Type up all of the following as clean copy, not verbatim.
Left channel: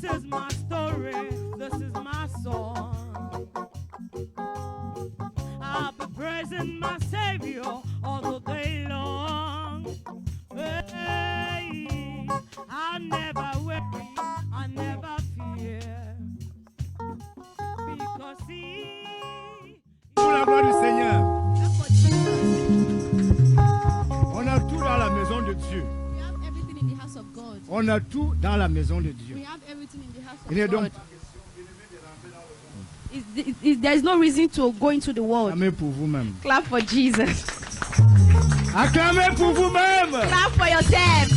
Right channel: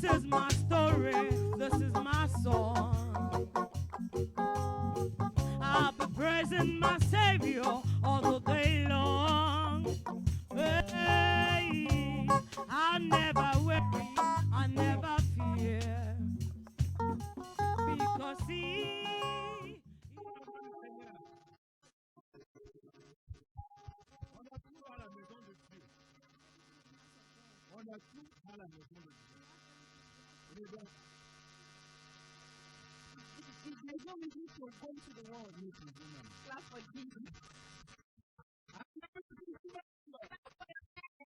This is my story, this is my song. I'll be praising my Savior all the day long. Hey, I never worry, I never fear, because He. Pour la gloire du Seigneur. On a tout dans la maison de Dieu. We have everything in the house of God. On a tout dans la maison de Dieu. We have everything in the house Il est of donc God. There is no reason to go into the world. acclamez pour vous-même. Clap for Jesus. Acclamez pour vous-même. Clap for yourself.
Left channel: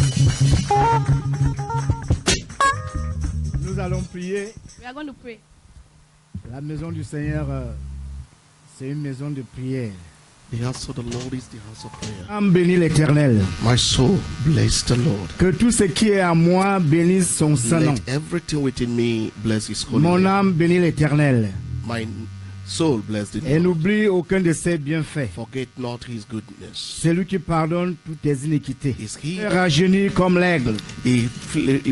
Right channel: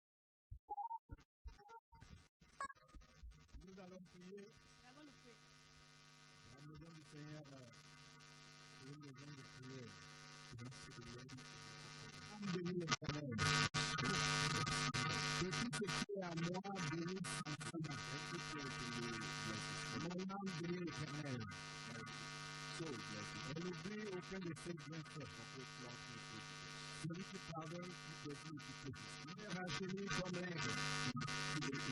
Nous allons prier. We are going to pray. La maison du Seigneur, c'est une maison de prière. The house of the Lord is the house of prayer. Âme bénit l'Éternel. My soul, bless the Lord. Que tout ce qui est à moi bénisse son saint nom. Let everything within me bless His holy Mon name. âme bénit l'Éternel. My soul, bless the Et Lord. n'oublie aucun de ses bienfaits. Forget not His goodness. C'est lui qui pardonne toutes tes iniquités. Is He Rajeunit comme l'aigle. He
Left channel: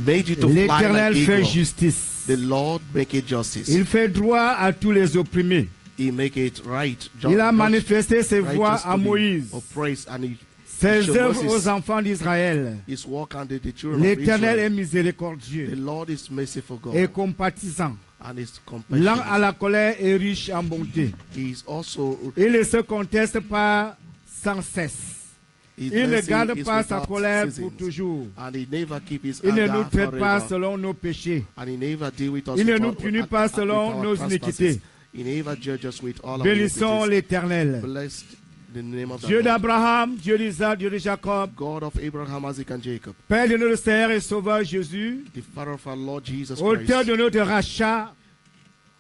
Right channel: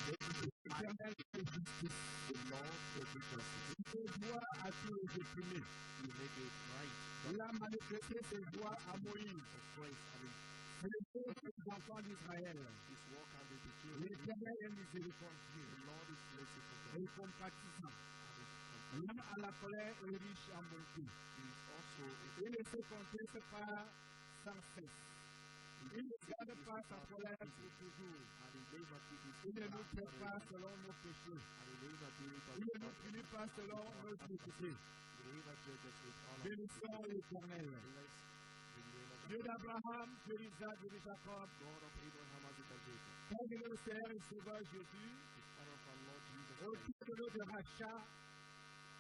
made you to fly L'Éternel like fait eagle. justice. The Lord make it justice. Il fait droit à tous les opprimés. He make it right. Il a manifesté ses voies à Moïse, Oppressed, and he ses showed œuvres Moses aux enfants d'Israël. his work under the children of L'Éternel est Israel. The miséricordieux Lord is merciful God et compatissant, and is lent compassionate. à la colère et riche en bonté. He is also Il ne se conteste pas sans cesse. his Il ne mercy garde is pas sa without colère ceasing. pour toujours. And he never keep his Il ne anger nous traite pas forever. selon nos péchés. And he never deal with us Il ne with nous our- punit with pas with selon our nos trespasses. iniquités. He never judges us with all our Bénissons iniquities. l'Éternel. Blessed the name of the Dieu Lord. d'Abraham, Dieu d'Isaac, Dieu de Jacob, God of Abraham, Isaac, and Jacob, Père de notre Seigneur et Sauveur Jésus, the Father of our Lord Jesus auteur Christ, de notre rachat,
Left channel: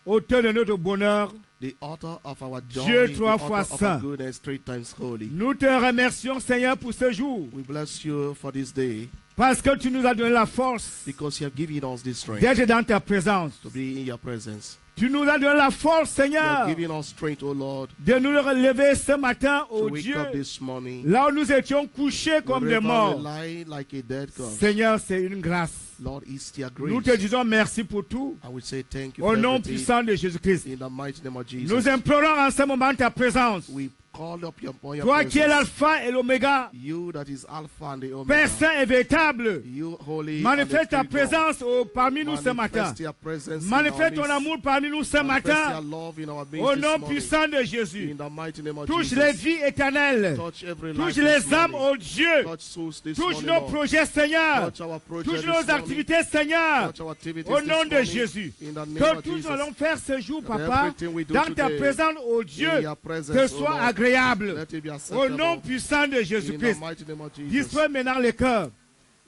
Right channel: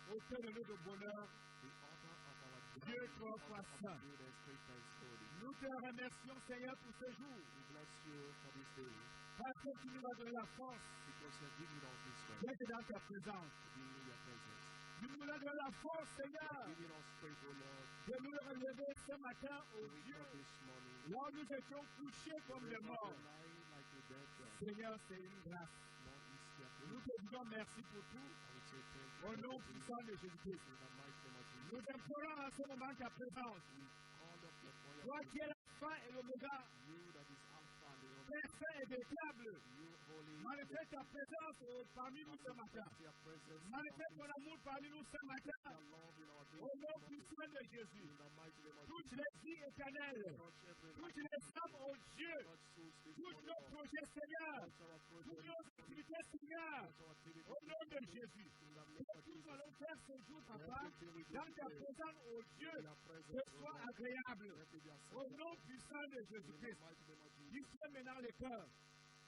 auteur de notre bonheur, the author of our joy, Dieu the trois author fois of saint. our goodness, three times holy. nous te remercions Seigneur pour ce jour, We bless you for this day parce que tu nous as donné la force because you have given us this strength d'être dans ta présence. to be in your presence. Tu nous as donné la force You Seigneur have given us strength, O Lord, de nous relever ce matin, to oh wake Dieu, up this morning. là où nous étions couchés comme des Wherever morts. we lie like a dead God. Seigneur, c'est une grâce. Lord, it's your Nous grace. te disons merci pour tout. I will say thank you Au for nom everything. puissant de Jésus-Christ. In the mighty name of Jesus. Nous implorons en ce moment ta présence. We call up your Toi qui es presence. l'alpha et l'oméga, You that is Alpha and the Omega. Père saint et véritable, You holy. manifeste ta and the true God. présence parmi nous ce matin. Manifest your presence in Manifeste our ton midst. amour parmi nous ce Manifest matin. your love in our midst Au this nom morning. puissant de Jésus. In the mighty name of Touche Jesus. les vies éternelles. Touch every Touche life les this âmes, morning. oh Dieu. Touch souls this Touche morning, nos Lord. projets, Seigneur. Touch our project Touche this nos morning. activités, Seigneur. Touch our activities Au this nom de morning. Jésus. In the name Que of tout Jesus. nous allons faire ce jour, That Papa, everything we do dans ta today, présence, oh in Dieu, your presence, te O soit Lord, agréable. let it be Au acceptable. nom puissant de In the Jésus-Christ. mighty name of Jesus. Dispose maintenant le cœur,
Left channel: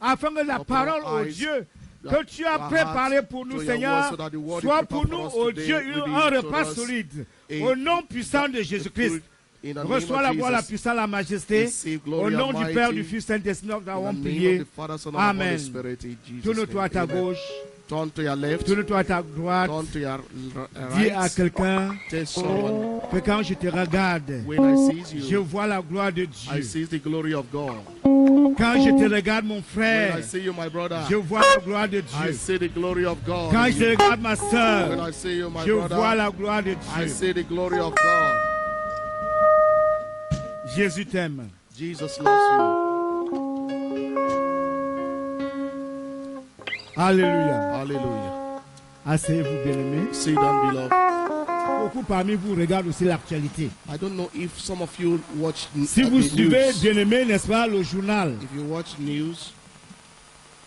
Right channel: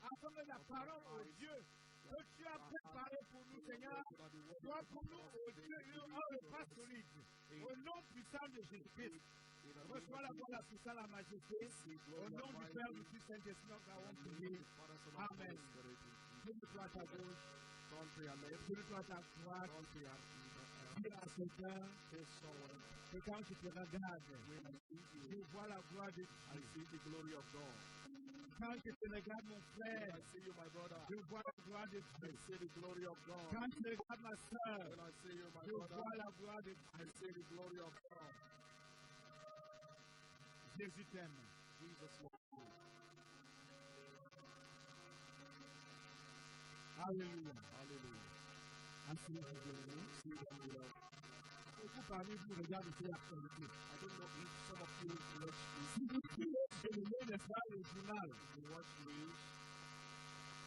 afin que la Open parole, our oh eyes, Dieu, que tu as our préparée hearts pour to nous, your Seigneur, word, so that the word soit is pour prepared nous, for us oh today Dieu, will be un to repas us solide. a- Au nom puissant de Jésus-Christ, In the name reçois of la gloire, la Jesus. puissance, la majesté. Receive Au glory nom and du Père, mighty. du Fils, Saint-Esprit, nous In the avons name prié. of the Father, Son, and Amen. Holy Spirit, in Jesus' Tourne-toi à ta name. Amen. gauche, Turn to your left. tourne-toi à ta droite. Turn to your Dis à right. quelqu'un Tell someone, que quand je te regarde, when I see je you, vois la gloire de I Dieu. see the glory of God. Quand je te regarde, mon When frère, I see you, my brother, je vois la gloire de I Dieu. see the glory of God. Quand in je you. regarde ma When soeur, I see you, my je vois brother, la gloire de I Dieu. see the glory of God. Jésus t'aime. Jesus loves Alléluia. you. Hallelujah. Asseyez-vous, bien-aimés. Sit down, beloved. Beaucoup parmi vous regardent aussi l'actualité. I don't know if some of you watch Si the vous suivez, news. bien-aimés, n'est-ce pas, le journal, If you watch news,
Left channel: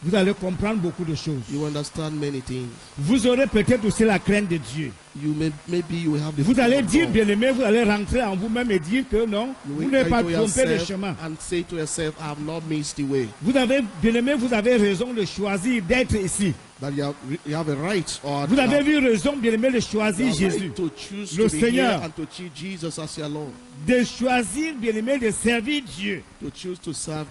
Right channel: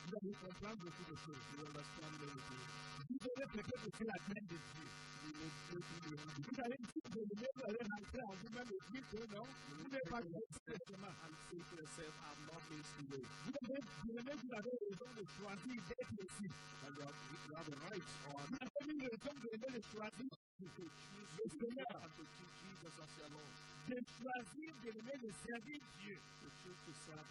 vous allez comprendre beaucoup de choses. you understand many things. Vous aurez peut-être aussi la crainte de Dieu. Maybe you have the Vous fear allez of dire, God. bien-aimés, vous allez rentrer en vous-même et dire que non, You vous will n'avez pas to trompé de yourself chemin. and say to yourself, I have not missed the way. Vous avez, bien-aimés, vous avez raison de choisir d'être ici. That you have a right or Vous avez eu raison, bien-aimés, de you choisir have Jésus. right to choose Le to be Seigneur. here and to choose Jesus as your Lord. De choisir, bien-aimés, de servir Dieu. To choose to serve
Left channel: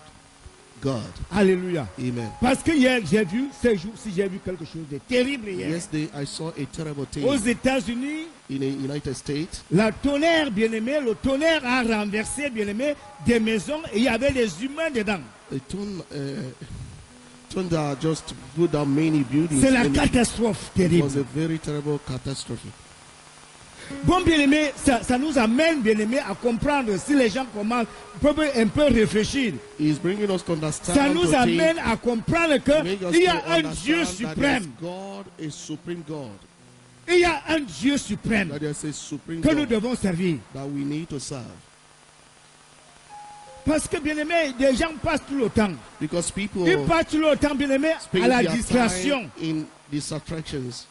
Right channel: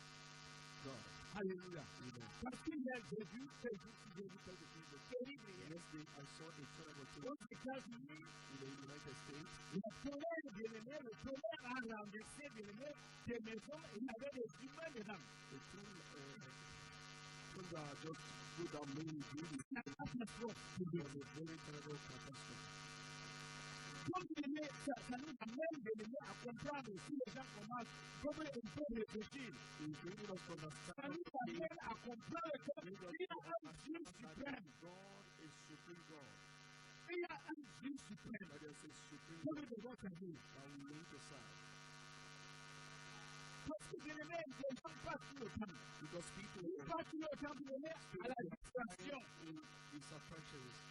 God. Alléluia. Amen. Parce que hier, j'ai vu, ces jours-ci, j'ai vu quelque chose de terrible hier. Yesterday I saw a terrible thing Aux États-Unis, in the United States. la tonnerre, bien-aimé, le tonnerre a renversé, bien-aimé, des maisons et il y avait des humains dedans. thunder just put down many buildings. C'est la And catastrophe it terrible. was a very terrible catastrophe. Bon, bien-aimé, ça nous amène, bien-aimé, à comprendre si les gens commencent, peuvent un peu réfléchir. He's bringing us to understand. Ça nous to amène à comprendre think, make us qu'il y a to un Dieu understand that suprême. God is supreme God. Il y a un Dieu suprême That there's a supreme que nous God devons servir. that we need to serve. Parce que, bien-aimé, des gens passent tout le temps. Because people Ils passent tout le temps, bien-aimé, spend à la their distraction. time in distractions.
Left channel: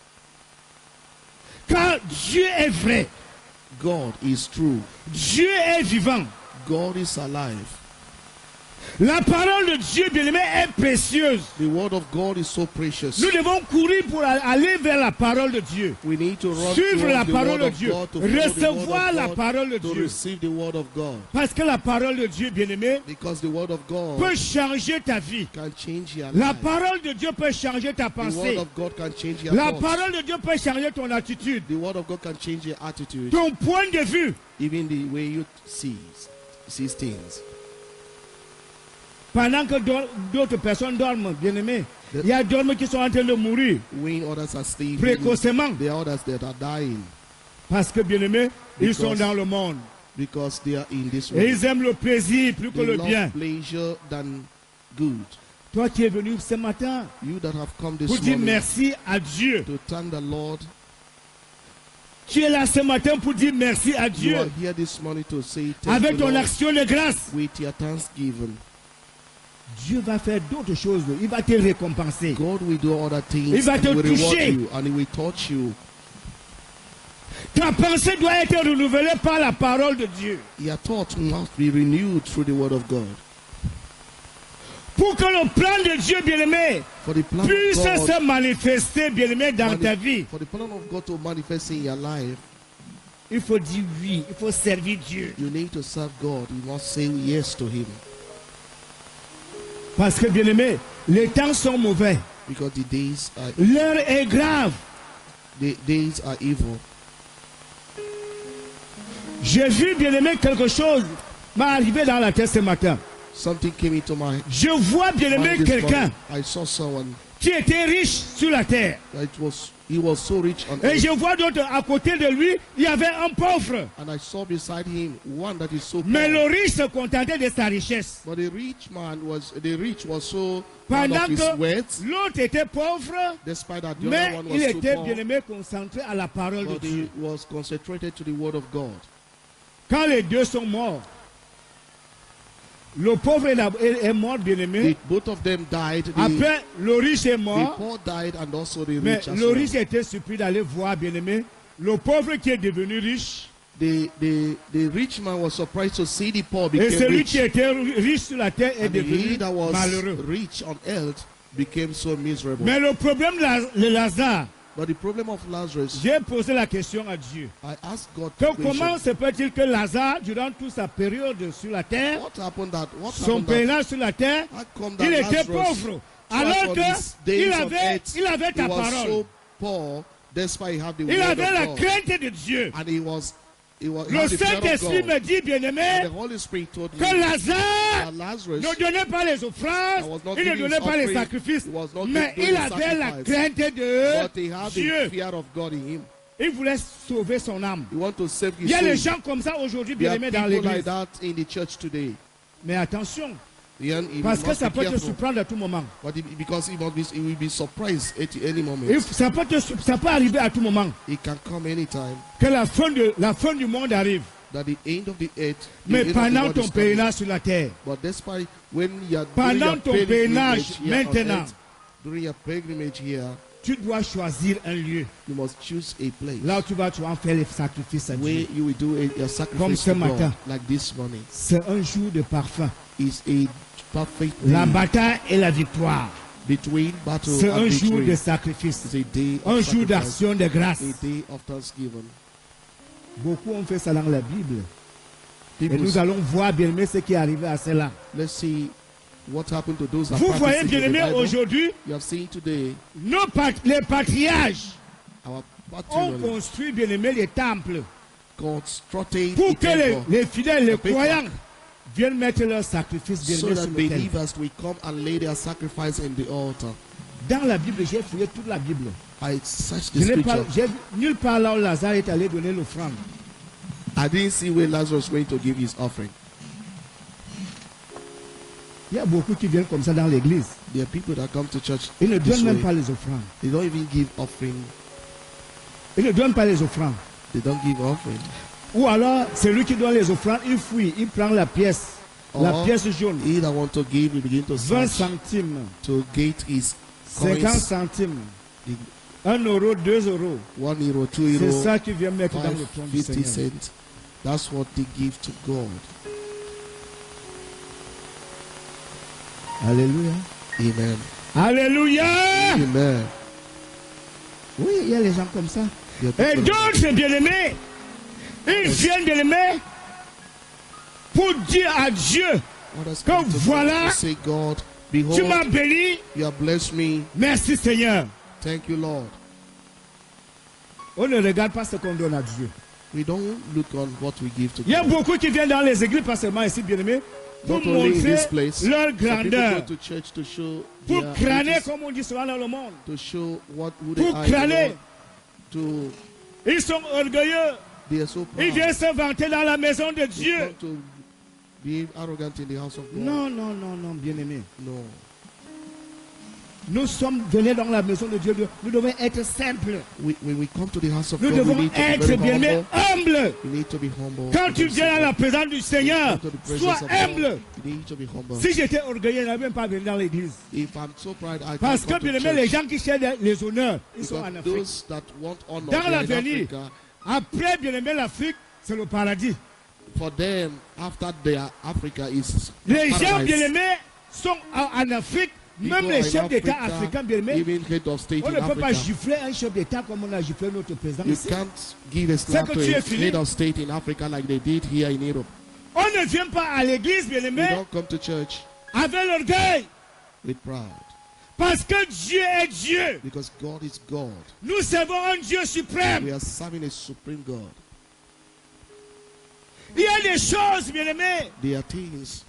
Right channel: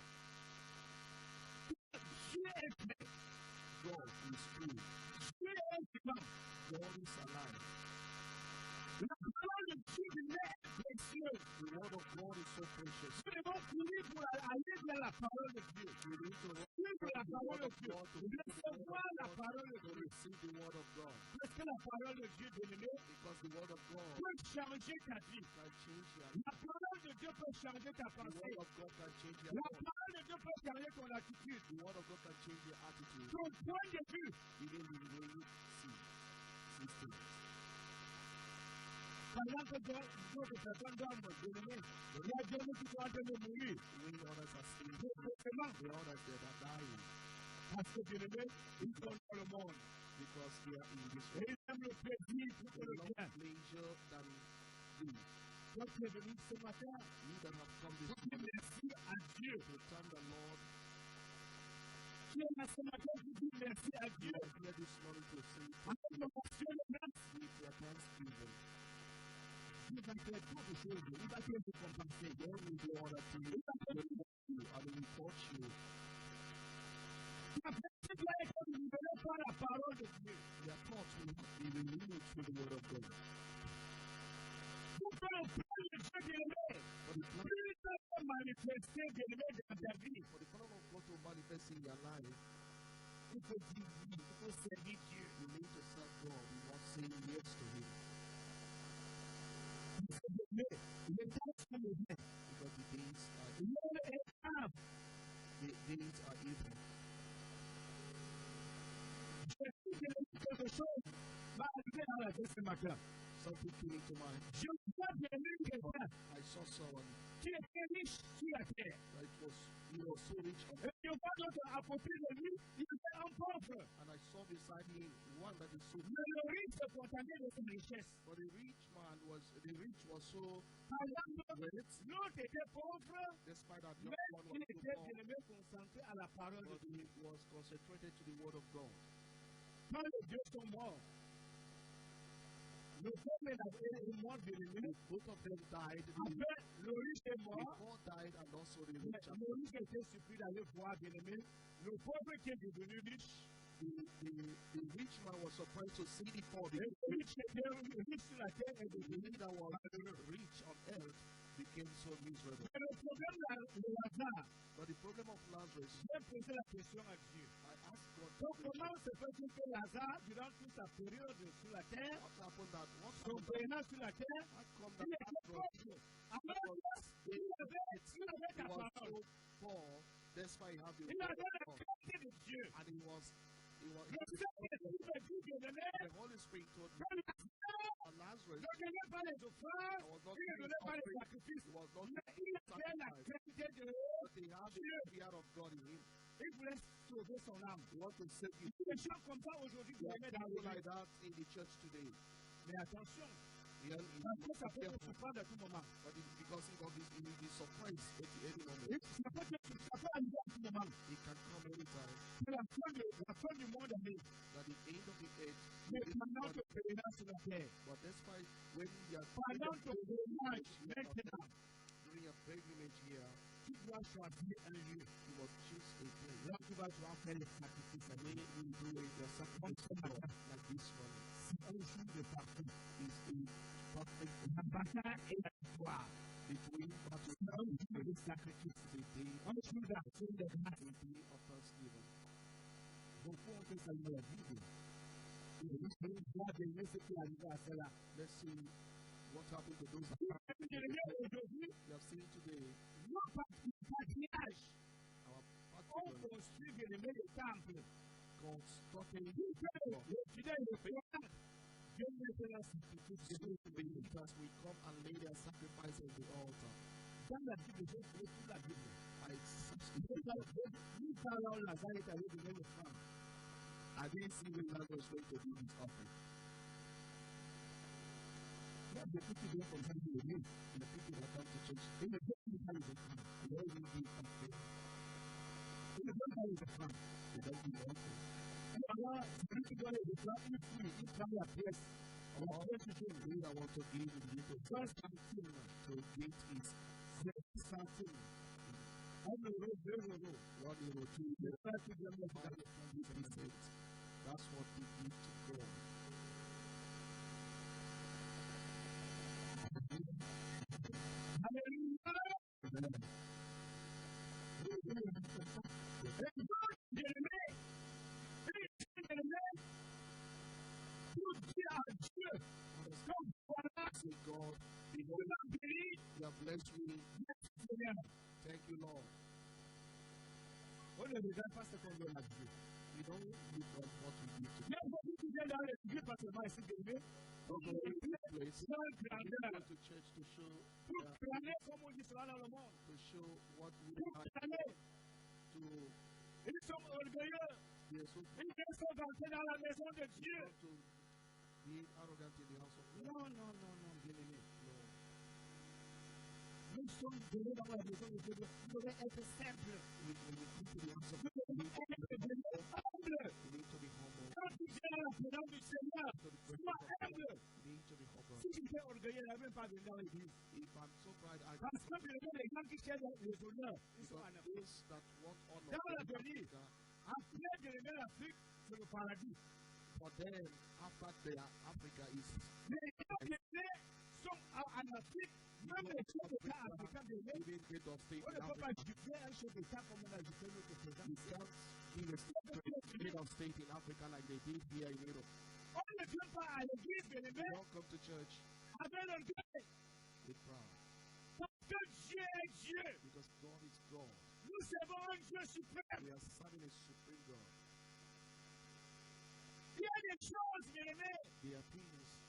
Car Dieu est vrai. God is true. Dieu est vivant. God is alive. La parole de Dieu, bien-aimé, est précieuse. The word of God is so precious. Nous devons courir pour aller vers la parole de Dieu. We need to run Suivre towards la the parole word de of Dieu. God, to follow the word Recevoir of la God, parole de to Dieu. receive the word of God. Parce que la parole de Dieu, bien-aimé, Because the word of God peut changer ta vie. can change your La life. parole de Dieu peut changer ta The word pensée. of God can change your La thoughts. parole de Dieu peut changer ton attitude, The word of God can change your attitude, ton point de vue. even the way you see things. Pendant que d'autres personnes dorment, bien-aimé, il y a d'autres qui sont en train de mourir When others are sleeping, précocement. there are others that are dying Parce que, bien-aimé, ils Because sont dans le monde. because they are in this Et world. ils aiment le plaisir plus que They le love bien. pleasure than good. Toi qui es venu ce matin You that have come this pour dire morning merci à Dieu. to thank the Lord, Tu es là ce matin pour dire merci à you Dieu. are here this morning to say thank Avec you, ton Lord, action de grâce. with your thanksgiving. Dieu va faire d'autres choses. Il va te récompenser. God will do other things Il va and te will reward toucher. you and He will touch you. Ta pensée doit être renouvelée par la parole de Dieu. Your thoughts must be renewed through the word of God. Pour que le plan de Dieu, bien-aimé, For the plan puisse of God, se manifester, bien-aimé, dans ta vie. for the plan of God to manifest in your life, Il faut dire oui. Il faut servir Dieu. you need to serve God. You must say yes to Him. Parce que, bien-aimé, les temps sont mauvais. Because the days are L'heure est grave. evil. J'ai vu, bien-aimé, quelque chose m'est arrivé dans la tête ce matin. Something came into my Je vois, bien-aimé, mind this quelqu'un morning. I saw someone qui était riche sur la terre. that he was so rich on Et earth, je vois d'autres à côté de lui, il y avait un pauvre. and I saw beside him one that is so Mais le poor. riche se contentait de sa richesse. But the rich was so proud Pendant of his que wealth, l'autre était pauvre, despite that the mais other one il was so était poor, bien aimé concentré à la parole de but he Dieu. was concentrated to the word of God. Quand les deux sont morts, le pauvre est mort, bien aimé. Both of them died. Après, le riche est The mort, poor died and also the mais rich as le well. riche était surpris d'aller voir, bien aimé, le pauvre qui est devenu riche. The rich man was surprised to see the poor Et became celui rich. qui était riche sur la terre est And devenu he that was malheureux. rich on earth became so miserable. Mais le problème de Lazare, But the problem of Lazarus, j'ai posé la question à Dieu. I asked God Que the comment question, se peut-il que Lazare, durant toute sa période sur la terre, what happened that son pèlerinage sur la terre, how come that il était Lazarus, pauvre, alors throughout his days qu'il on avait, earth, il avait he ta was parole. so poor, despite he had the Il word avait la of God, crainte de Dieu. and he Le had the fear of Saint-Esprit God. me dit, And bien-aimé, the Holy Spirit told me que Lazare that Lazarus ne donnait pas les offrandes, was not il ne giving donnait pas les offering, sacrifices, he was not mais doing il avait la sacrifice, crainte de but he had the Dieu. fear of God in him. Il voulait sauver son âme. He wanted to save Il his y a des soul. gens comme ça aujourd'hui, There are bien-aimés, dans people like l'église. that in the church today. Mais attention, You parce que must ça be peut te careful. surprendre à tout moment. But because he will be surprised at any moment. Ça peut arriver à tout moment. It can come anytime Que la fin du monde arrive. that the end of the earth. Mais pendant ton pèlerinage sur la terre, But despite when you are pendant ton pèlerinage maintenant, during your pilgrimage here, tu dois choisir un lieu. you must choose a place Là où tu vas en faire les sacrifices à where Dieu. you will do a Comme sacrifice ce to God, matin. like this morning. C'est un jour de parfum. Is a perfect La day bataille et la victoire. between battle C'est and un jour victory. de sacrifice. It's a day Un of jour sacrifice, d'action de grâce. a day of thanksgiving. Beaucoup ont fait ça dans la Bible. Et People, nous allons voir, bien-aimé, ce qui est arrivé à cela. let's see what happened to those that Vous practice voyez, in the bien-aimé, Bible. aujourd'hui, You have seen today les patriarches our ont patriarchs construit, bien-aimé, les temples. constructed Pour a que temple. les fidèles, les The people croyants, viennent mettre leur sacrifice so bien-aimé that sur l'autel. believers will come and lay their sacrifice in the altar. Dans la Bible, j'ai fouillé toute la Bible. I searched Je the n'ai pas, scripture. j'ai vu nulle part là où Lazare est allé donner l'offrande. I didn't see where Lazarus went to give his offering. Il y a beaucoup qui viennent comme ça dans l'église. There are people that come to church Ils ne this donnent même way. pas les offrandes. They don't even give offering. Ils ne donnent pas les offrandes. They don't give offering. Ou alors, celui qui donne les offrandes, il fouille, il prend la pièce Or pièce jaune. he that want to give will begin to 20 search centimes, to get his 50 coins. centimes, The 1 euro, 2 euros. 1 euro, 2 C'est euro, ça qui vient mettre dans 5, le trône du 50 Seigneur. cents. That's what they give to God. Alléluia. Amen. Alléluia. Amen. Oui, il y a les gens comme ça. There are Et people like d'autres, bien-aimés, ils viennent, bien-aimés, pour dire à Dieu, others que come to God voilà, to say, God, tu behold, m'as béni, you have blessed me. merci Seigneur. Thank you, Lord. On ne regarde pas ce qu'on donne à Dieu. We don't look on what we give to Il y a God. beaucoup qui viennent dans les églises, pas seulement ici, bien-aimés, pour Not only in montrer this place, leur some people grandeur, go to church to show pour their crâner, riches, comme on dit souvent dans le monde, to show who they pour are in the crâner. world, to Ils sont orgueilleux, they are so ils proud. viennent se vanter dans la maison de They Dieu. come to be arrogant in the house of God. Non, non, non, non, bien-aimés. No. Nous sommes venus dans la maison de Dieu. Nous devons être simples. When we come to the house of Nous God, we devons need to be être, very bien-aimés, humble. humbles. We need to be humble. Quand We tu need to viens à be la présence du Seigneur, come to the sois presence of God. humble. You need to be humble. Si j'étais orgueilleux, je n'avais même pas venu dans l'église. If I'm so proud, I Parce can't que, come to bien-aimés, les church. gens qui cherchent les honneurs, ils sont Because en Afrique. those that want honor, Dans they are in l'avenir, Africa. après, bien-aimés, l'Afrique, c'est le paradis. For them, after their Africa is Les gens, paradise. bien-aimés, sont en Afrique. People Même are les in chefs d'État Africa, africains, bien-aimés, even head of state on in ne peut pas Africa. gifler un chef d'État comme on a giflé notre président You ici. can't give a slap que to tu es a fini. head of state in Africa like they did here in Europe. On ne vient pas à l'église, We bien-aimés, don't come to church avec l'orgueil. with pride Parce que Dieu est Dieu. because God is God. Nous servons un Dieu suprême. We are serving a supreme God. Il y a des choses, bien-aimés, There are things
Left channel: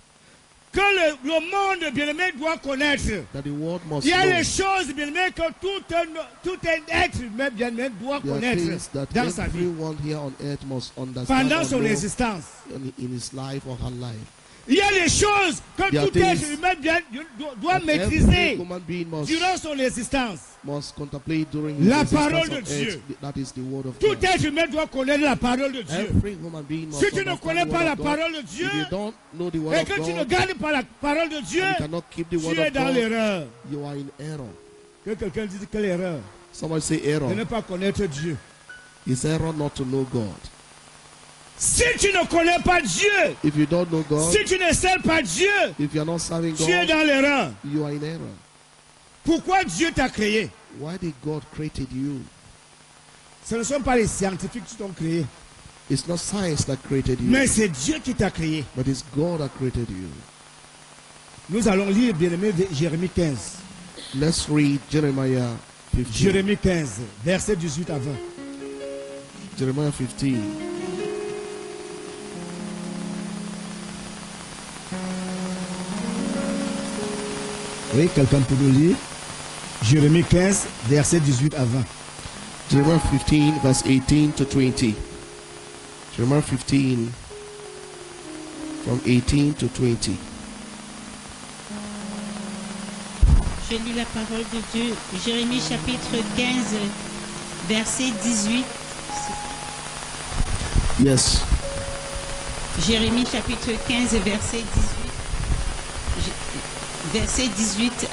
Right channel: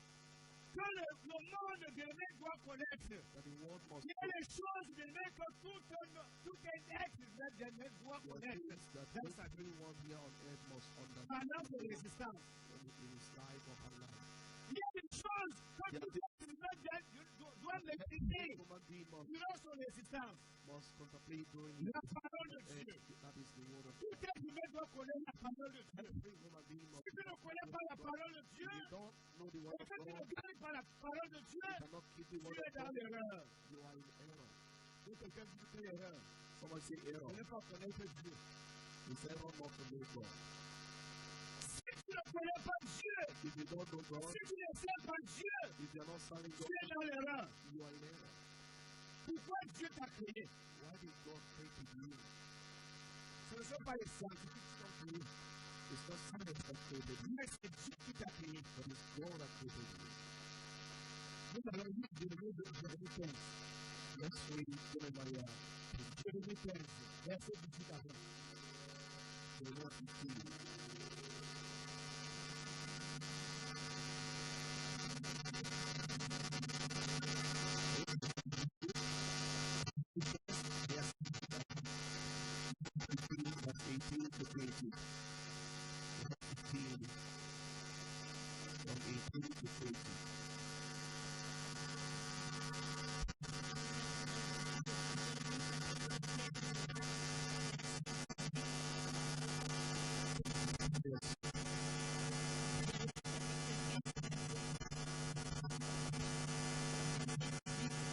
que le monde, bien-aimé, doit connaître. that the world must Il y a know. des choses, bien-aimé, que tout un être humain, bien-aimé, doit There are connaître things that dans sa vie, everyone here on earth must understand pendant or son know existence. in his life or her life. Il y a des choses que There are tout être things humain doit That maîtriser every human being durant son existence. must contemplate during his La existence parole de on Dieu. earth. That is the word of Tout God. être humain doit connaître la parole de Dieu. Every human being must Si tu ne understand connais the pas word la of God. parole de Dieu, If you don't know the word et of que tu ne God, gardes pas la parole de Dieu, you cannot keep the word tu es of dans God, l'erreur. you are in error. Que quelqu'un dise quelle erreur Someone say de error. ne pas connaître Dieu. It's error not to know God. Si tu ne connais pas Dieu, If you don't know God, si tu ne sers pas Dieu, if you are not serving tu es God, dans l'erreur. you are in error. Pourquoi Dieu t'a créé? Why did God created you? Ce ne sont pas les scientifiques qui t'ont créé, It's not science that created you, mais c'est Dieu qui t'a créé. but it's God that created you. Nous allons lire, bien-aimé, Jérémie 15. Let's read Jeremiah 15. Jérémie 15, versets 18 à 20. Jeremiah 15. Oui, quelqu'un peut nous lire? Jérémie 15, versets 18 à 20. Jeremiah 15, verse 18 to 20. Jeremiah 15, from 18 to 20. Je lis la parole de Dieu. Jérémie chapitre 15, verset 18. Yes. Jérémie chapitre 15, verset 18. Verset 18,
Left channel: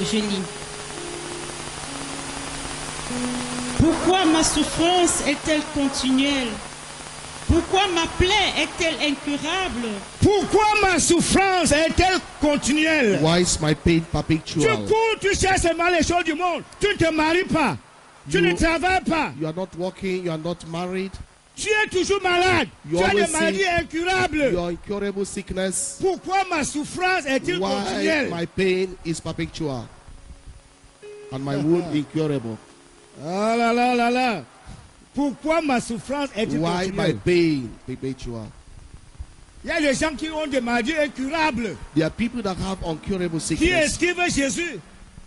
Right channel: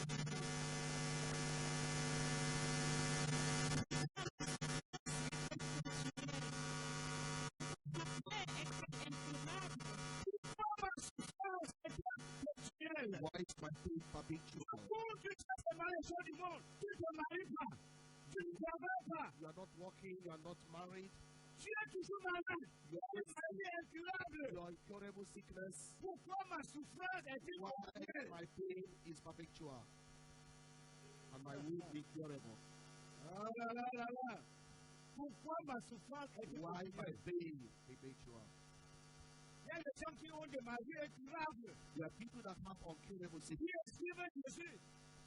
je lis. Pourquoi ma souffrance est-elle continuelle? Pourquoi ma plaie est-elle incurable? Pourquoi ma souffrance est-elle continuelle? Why is my pain Tu perpetual? cours, tu cherches seulement les choses du monde. Tu ne te maries pas. Tu ne You- travailles pas. You are not working, you are not married, Tu es toujours malade. You Tu as always des maladies you incurables. are incurable sickness. Pourquoi ma souffrance est-elle Why continuelle? my pain is perpetual and my wound incurable? Ah là là là là. Pourquoi ma souffrance est-elle Why my continuelle? pain perpetual? Il y a des gens qui ont des maladies incurables, There are people that have incurable qui sickness, esquivent Jésus,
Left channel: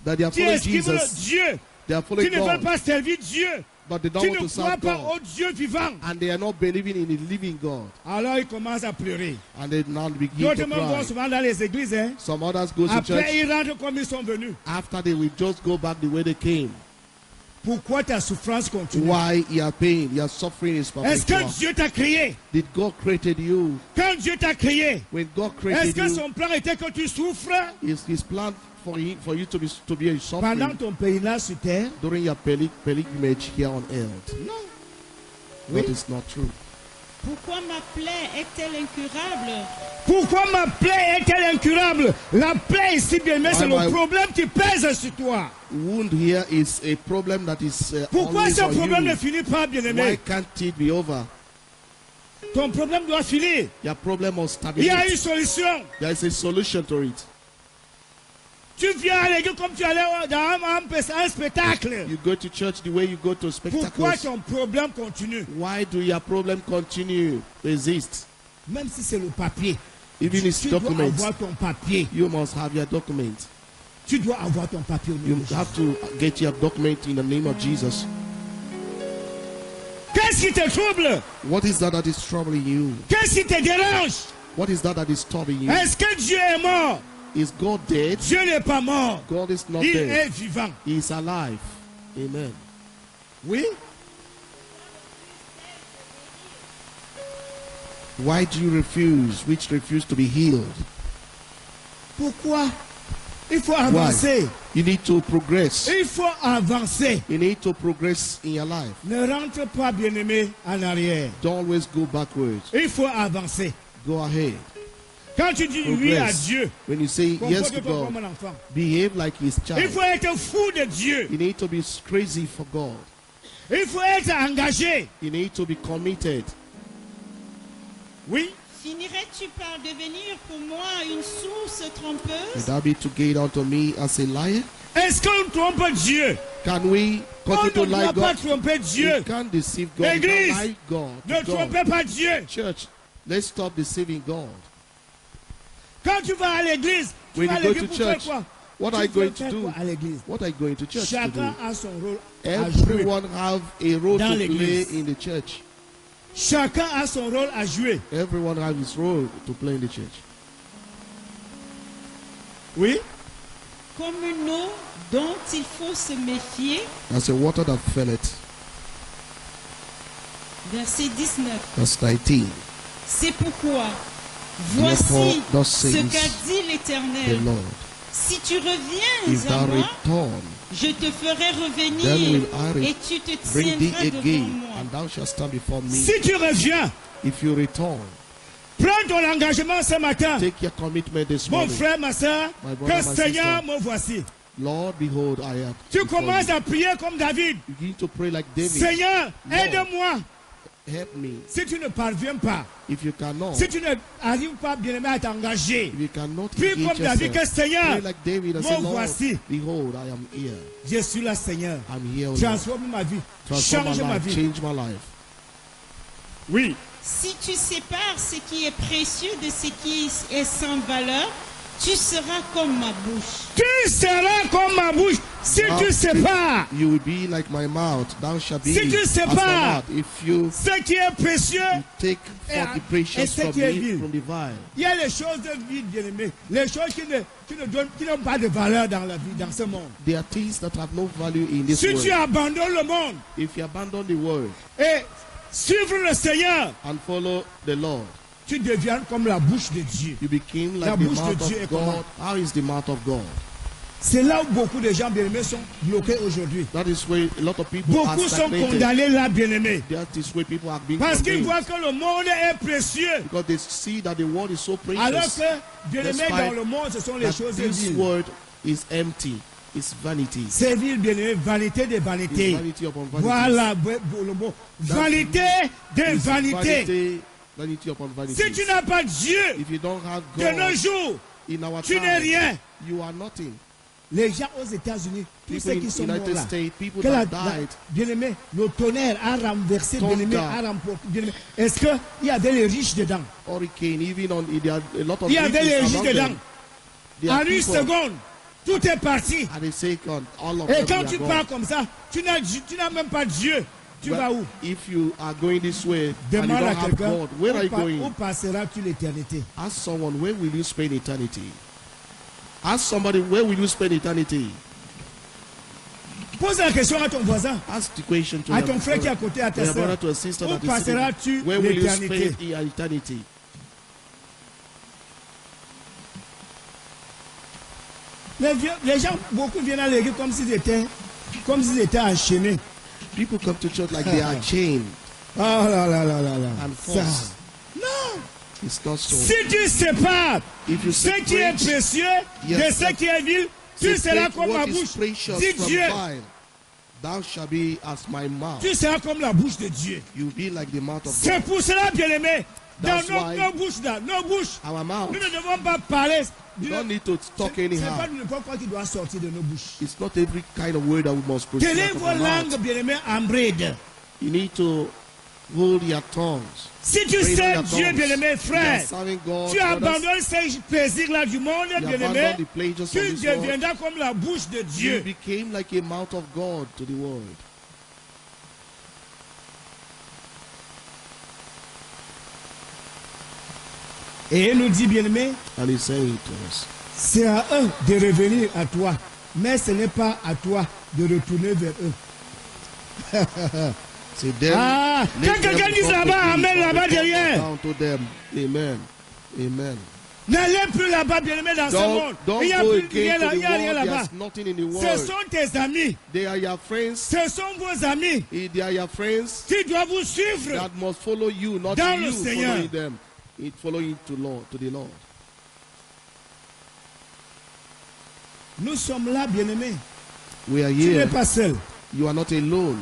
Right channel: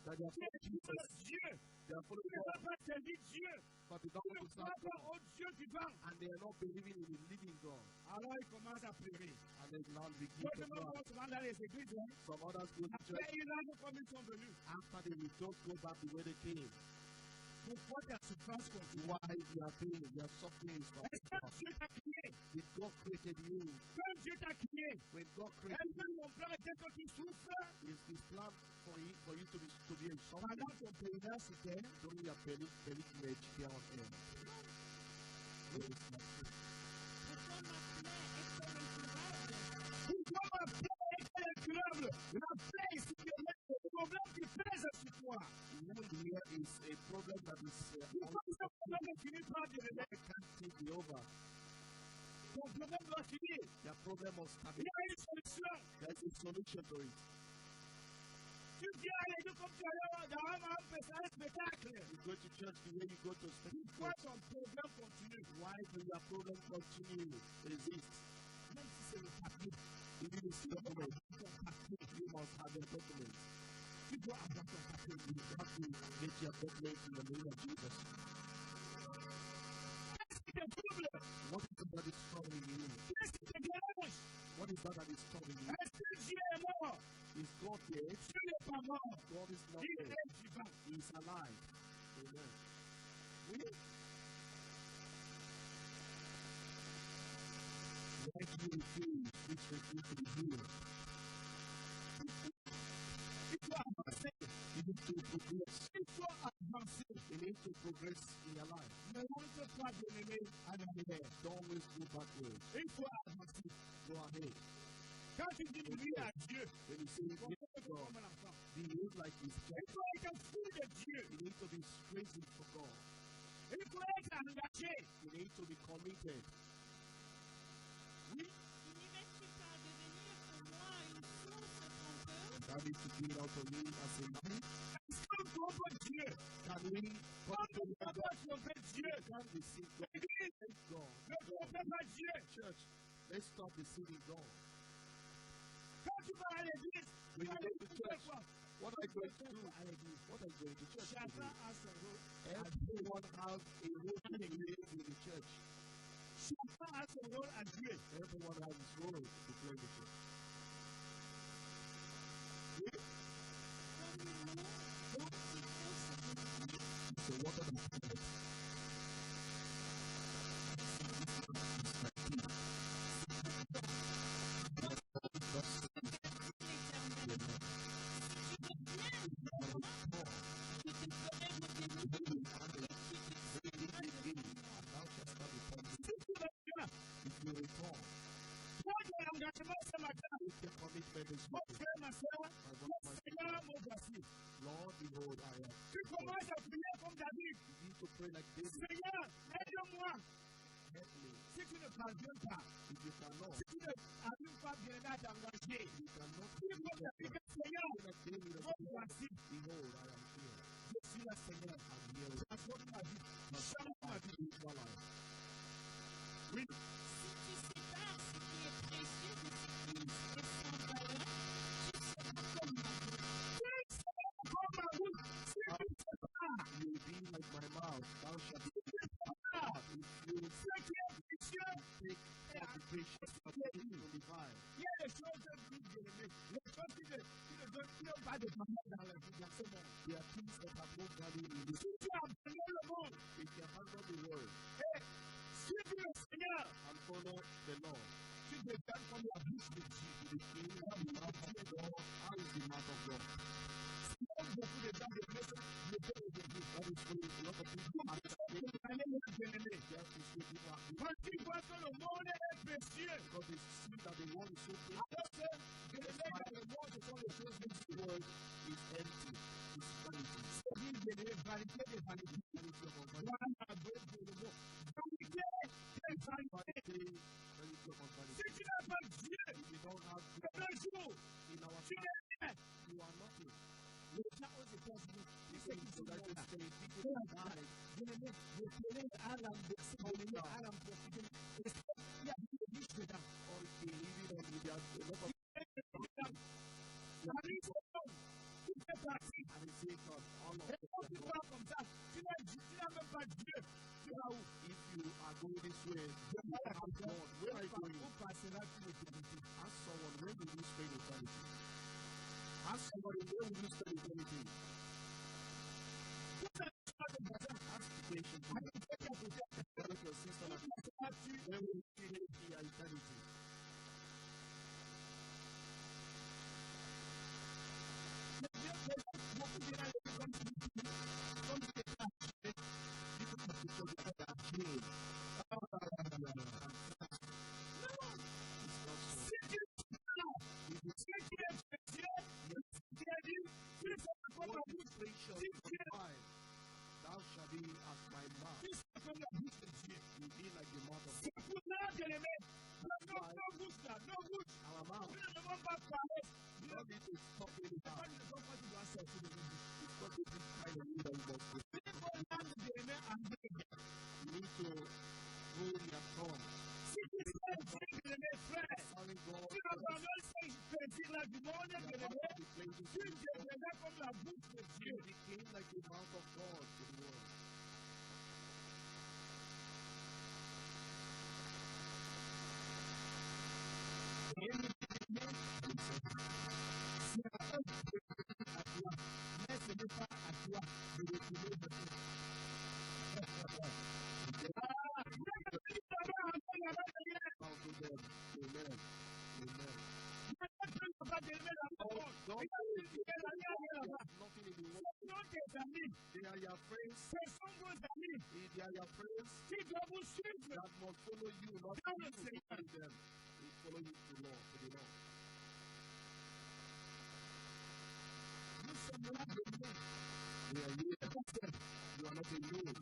that they are qui following esquivent Jesus, Dieu, they are qui following ne veulent God, pas servir Dieu, but they don't qui want ne to croient serve pas God, au Dieu vivant. and they are not believing in the living God, Alors ils commencent à pleurer. and they now begin D'autres to même vont cry. souvent dans les églises. Hein. Some others go to Après, church, ils rentrent comme ils sont venus. after they will just go back the way they came. Pourquoi ta souffrance continue? Why your pain, your suffering is Est-ce que perpetual? Dieu t'a créé? Did God created you? Quand Dieu t'a créé, When God est-ce created que you, son plan était que tu souffres is His plan for you to be pendant suffering ton pèlerinage sur terre? during your pilgrimage here on earth? Non. That is not true. Pourquoi ma plaie est-elle incurable? Pourquoi ma plaie est-elle incurable? La plaie ici, bien aimé, c'est Why le my- problème qui pèse sur toi. Wound here is a problem that is Pourquoi always ce on problème ne you. finit pas, bien Why aimé? can't it be over? Ton problème doit finir. Your problem must Il y a une stabilize. solution. There is a solution to it. Tu viens à l'église comme tu allais dans un spectacle. You go to church the way you go to Pourquoi spectacles. ton problème continue? Why do your problem continue to exist? Même si c'est le papier. Even its Tu dois documents, avoir ton papier. you must have your document. Tu dois avoir ton papier au nom You de Jésus. have to get your document in the name of Jesus. Qu'est-ce qui te trouble? What is that is troubling you? Qu'est-ce qui te dérange? What is that is troubling you? Est-ce que Dieu est mort? Is God dead? Dieu n'est pas mort. God is not Il dead. est vivant. He is alive. Amen. Oui? Why do you refuse to be healed? Pourquoi? Il faut avancer. You need to progress. Il faut avancer. You need to progress in your life. Ne rentre pas, bien-aimé, en arrière. Don't always go backwards. Il faut avancer. Go ahead. Quand tu dis oui à Progress. Dieu, When you say yes to comporte-toi God, comme un enfant. behave like His Il child. faut être fou de Dieu. You need to be crazy for God. Il faut être engagé. You need to be committed. Oui? Finirais-tu par devenir pour moi une source trompeuse? Would that be to get unto me as a liar? Est-ce qu'on trompe Dieu? Can we On continue ne to lie doit pas God? tromper Dieu. You can't deceive God. You Église, can't lie God. Ne to God. trompez pas Dieu. Church, let's stop deceiving God. Quand tu vas à l'église, tu When vas à you go l'église to pour faire church, quoi? what Tu are you veux going to faire do? quoi à l'église? What are you going to church to Chacun do? a son rôle à jouer. Everyone have a role Dans to play l'église. in the church. Chacun a son rôle à jouer. Everyone has his role to play in the church. Oui? Comme une eau dont il faut se méfier. As a water that felleth. Verset 19. Verse 19. C'est pourquoi, Therefore, voici thus ce says qu'a dit the l'Éternel. Lord. Si tu reviens If à thou moi, return, je te ferai then revenir will I et tu te bring thee tiendras devant again, moi. and thou shalt stand before me. Si tu reviens, If you return, prends ton engagement ce matin. take your commitment this Mon morning. frère, ma soeur, My brother, que my Seigneur sister. me voici. Lord, behold, I am. Tu before commences you. à prier comme David. You begin to pray like David. Seigneur, Lord. aide-moi. Help me. Si tu ne parviens pas, If you cannot, si tu n'arrives pas bien aimé à t'engager, if you cannot prie engage comme David, que yourself, Seigneur, pray like David and me say, Lord, voici. behold, I am here. Je suis là, Seigneur. I'm here, O Lord. Transforme ma vie. Transform Change my ma life, vie. change my life. Oui. Si tu sépares ce qui est précieux de ce qui est sans valeur, tu seras comme ma bouche. Tu seras comme ma bouche si Ah. tu sépares You will be like my mouth. Thou shalt be Si tu as my sépares mouth. If you ce qui est précieux. take Et- forth the et precious ce from qui est me, vil. from the vile. Il y a les choses de vie, bien-aimé. Les choses qui n'ont pas de valeur dans la vie, dans ce monde. There are things that have no value in this Si world. tu abandonnes le monde If you abandon the world et suivre le Seigneur, and follow the Lord, tu deviens comme la bouche de Dieu. you became La like the bouche de mouth Dieu est of comment? God. How is the mouth of God? C'est là où beaucoup de gens bien-aimés sont bloqués aujourd'hui. That is where a lot of people are Beaucoup sont stagnated. condamnés là, bien-aimés. That is where people are being Parce qu'ils condemned. voient que le monde est précieux. Because they see that the world is so Alors precious. que, bien-aimés, Despite dans le monde, ce sont les That choses this viles. world is empty. It's vanity. C'est vil, bien-aimé, vanité des It's vanités. vanity upon vanity. Voilà le mot. Vanité des It's vanités. vanity, vanity upon vanity. Si tu n'as pas Dieu If you don't have de nos God jours, in our tu n'es time, rien. you are nothing. les gens aux États-Unis, tous People ceux in qui the sont morts United là, States, people que that died. bien-aimé, le tonnerre a renversé, bien-aimé, Tonga. a remporté, bien-aimé. Est-ce qu'il y avait les riches dedans? Hurricane, even on there are a lot of Il y avait les riches riches around dedans. them. There are En une people seconde, tout est parti. at a second, all of Et them quand they tu are pars gone. comme ça, tu n'as même pas Dieu. Tu vas Well, où? if you are going this way and you Demande don't à have quelqu'un, God, where are you où going? passeras-tu l'éternité? Ask someone, where will you spend eternity? Ask somebody, where will you spend eternity? Pose la question à ton voisin, Ask the question to à your ton frère qui est à brother, côté, à ta to your soeur. brother, to a sister Où that is passeras-tu sitting. Where will you l'éternité? spend your eternity? Les gens, beaucoup viennent à l'église comme s'ils étaient enchaînés. People come to church like they are chained Oh là là là là là. and Ça. forced. Non. It's not so. Si tu sépares If you ce qui est separate, précieux yes, de ce qui est vil, tu seras separate comme ma what is bouche. precious Dis from Dieu. vile, thou shalt be as my mouth. Tu seras comme la bouche de Dieu. You will be like the mouth of C'est God. pour cela, bien-aimé, dans That's why nos bouches, là, nos bouches, Our mouth. nous ne devons pas parler. We don't need to talk C'est anyhow. pas n'importe quoi qui doit sortir de nos bouches. It's not every kind of word that we must proceed Quelle est out of vos our mouth. langues, bien-aimé, en bride? You need to hold your tongues. Si tu Pray sais your Dieu, tongues. bien-aimé, You are frère, serving God, tu brothers. abandonnes ces plaisirs-là du monde, You bien-aimé, abandon the pleasures of tu this world. deviendras comme la bouche de You Dieu. became like a mouth of God to the world. Et il nous dit, bien-aimé, And he's saying to us, c'est à eux de revenir à toi, mais ce n'est pas à toi de retourner vers eux. say them, Ah, let quand them quelqu'un dit come to là-bas, me, amen, and là-bas they come derrière. down to them. Amen. Amen. N'allez plus là-bas, bien-aimé, dans ce monde. Don't Il n'y a go plus rien, again to là, il n'y a rien the world. là-bas. There's nothing in the Ce world. sont tes amis, They are your friends. ce sont vos amis They are your friends qui doivent vous suivre. that must follow you, not Dans you le Seigneur. following them. It following to the Lord. Nous sommes là, bien-aimé. We are Tu n'es here. pas seul. You are not alone.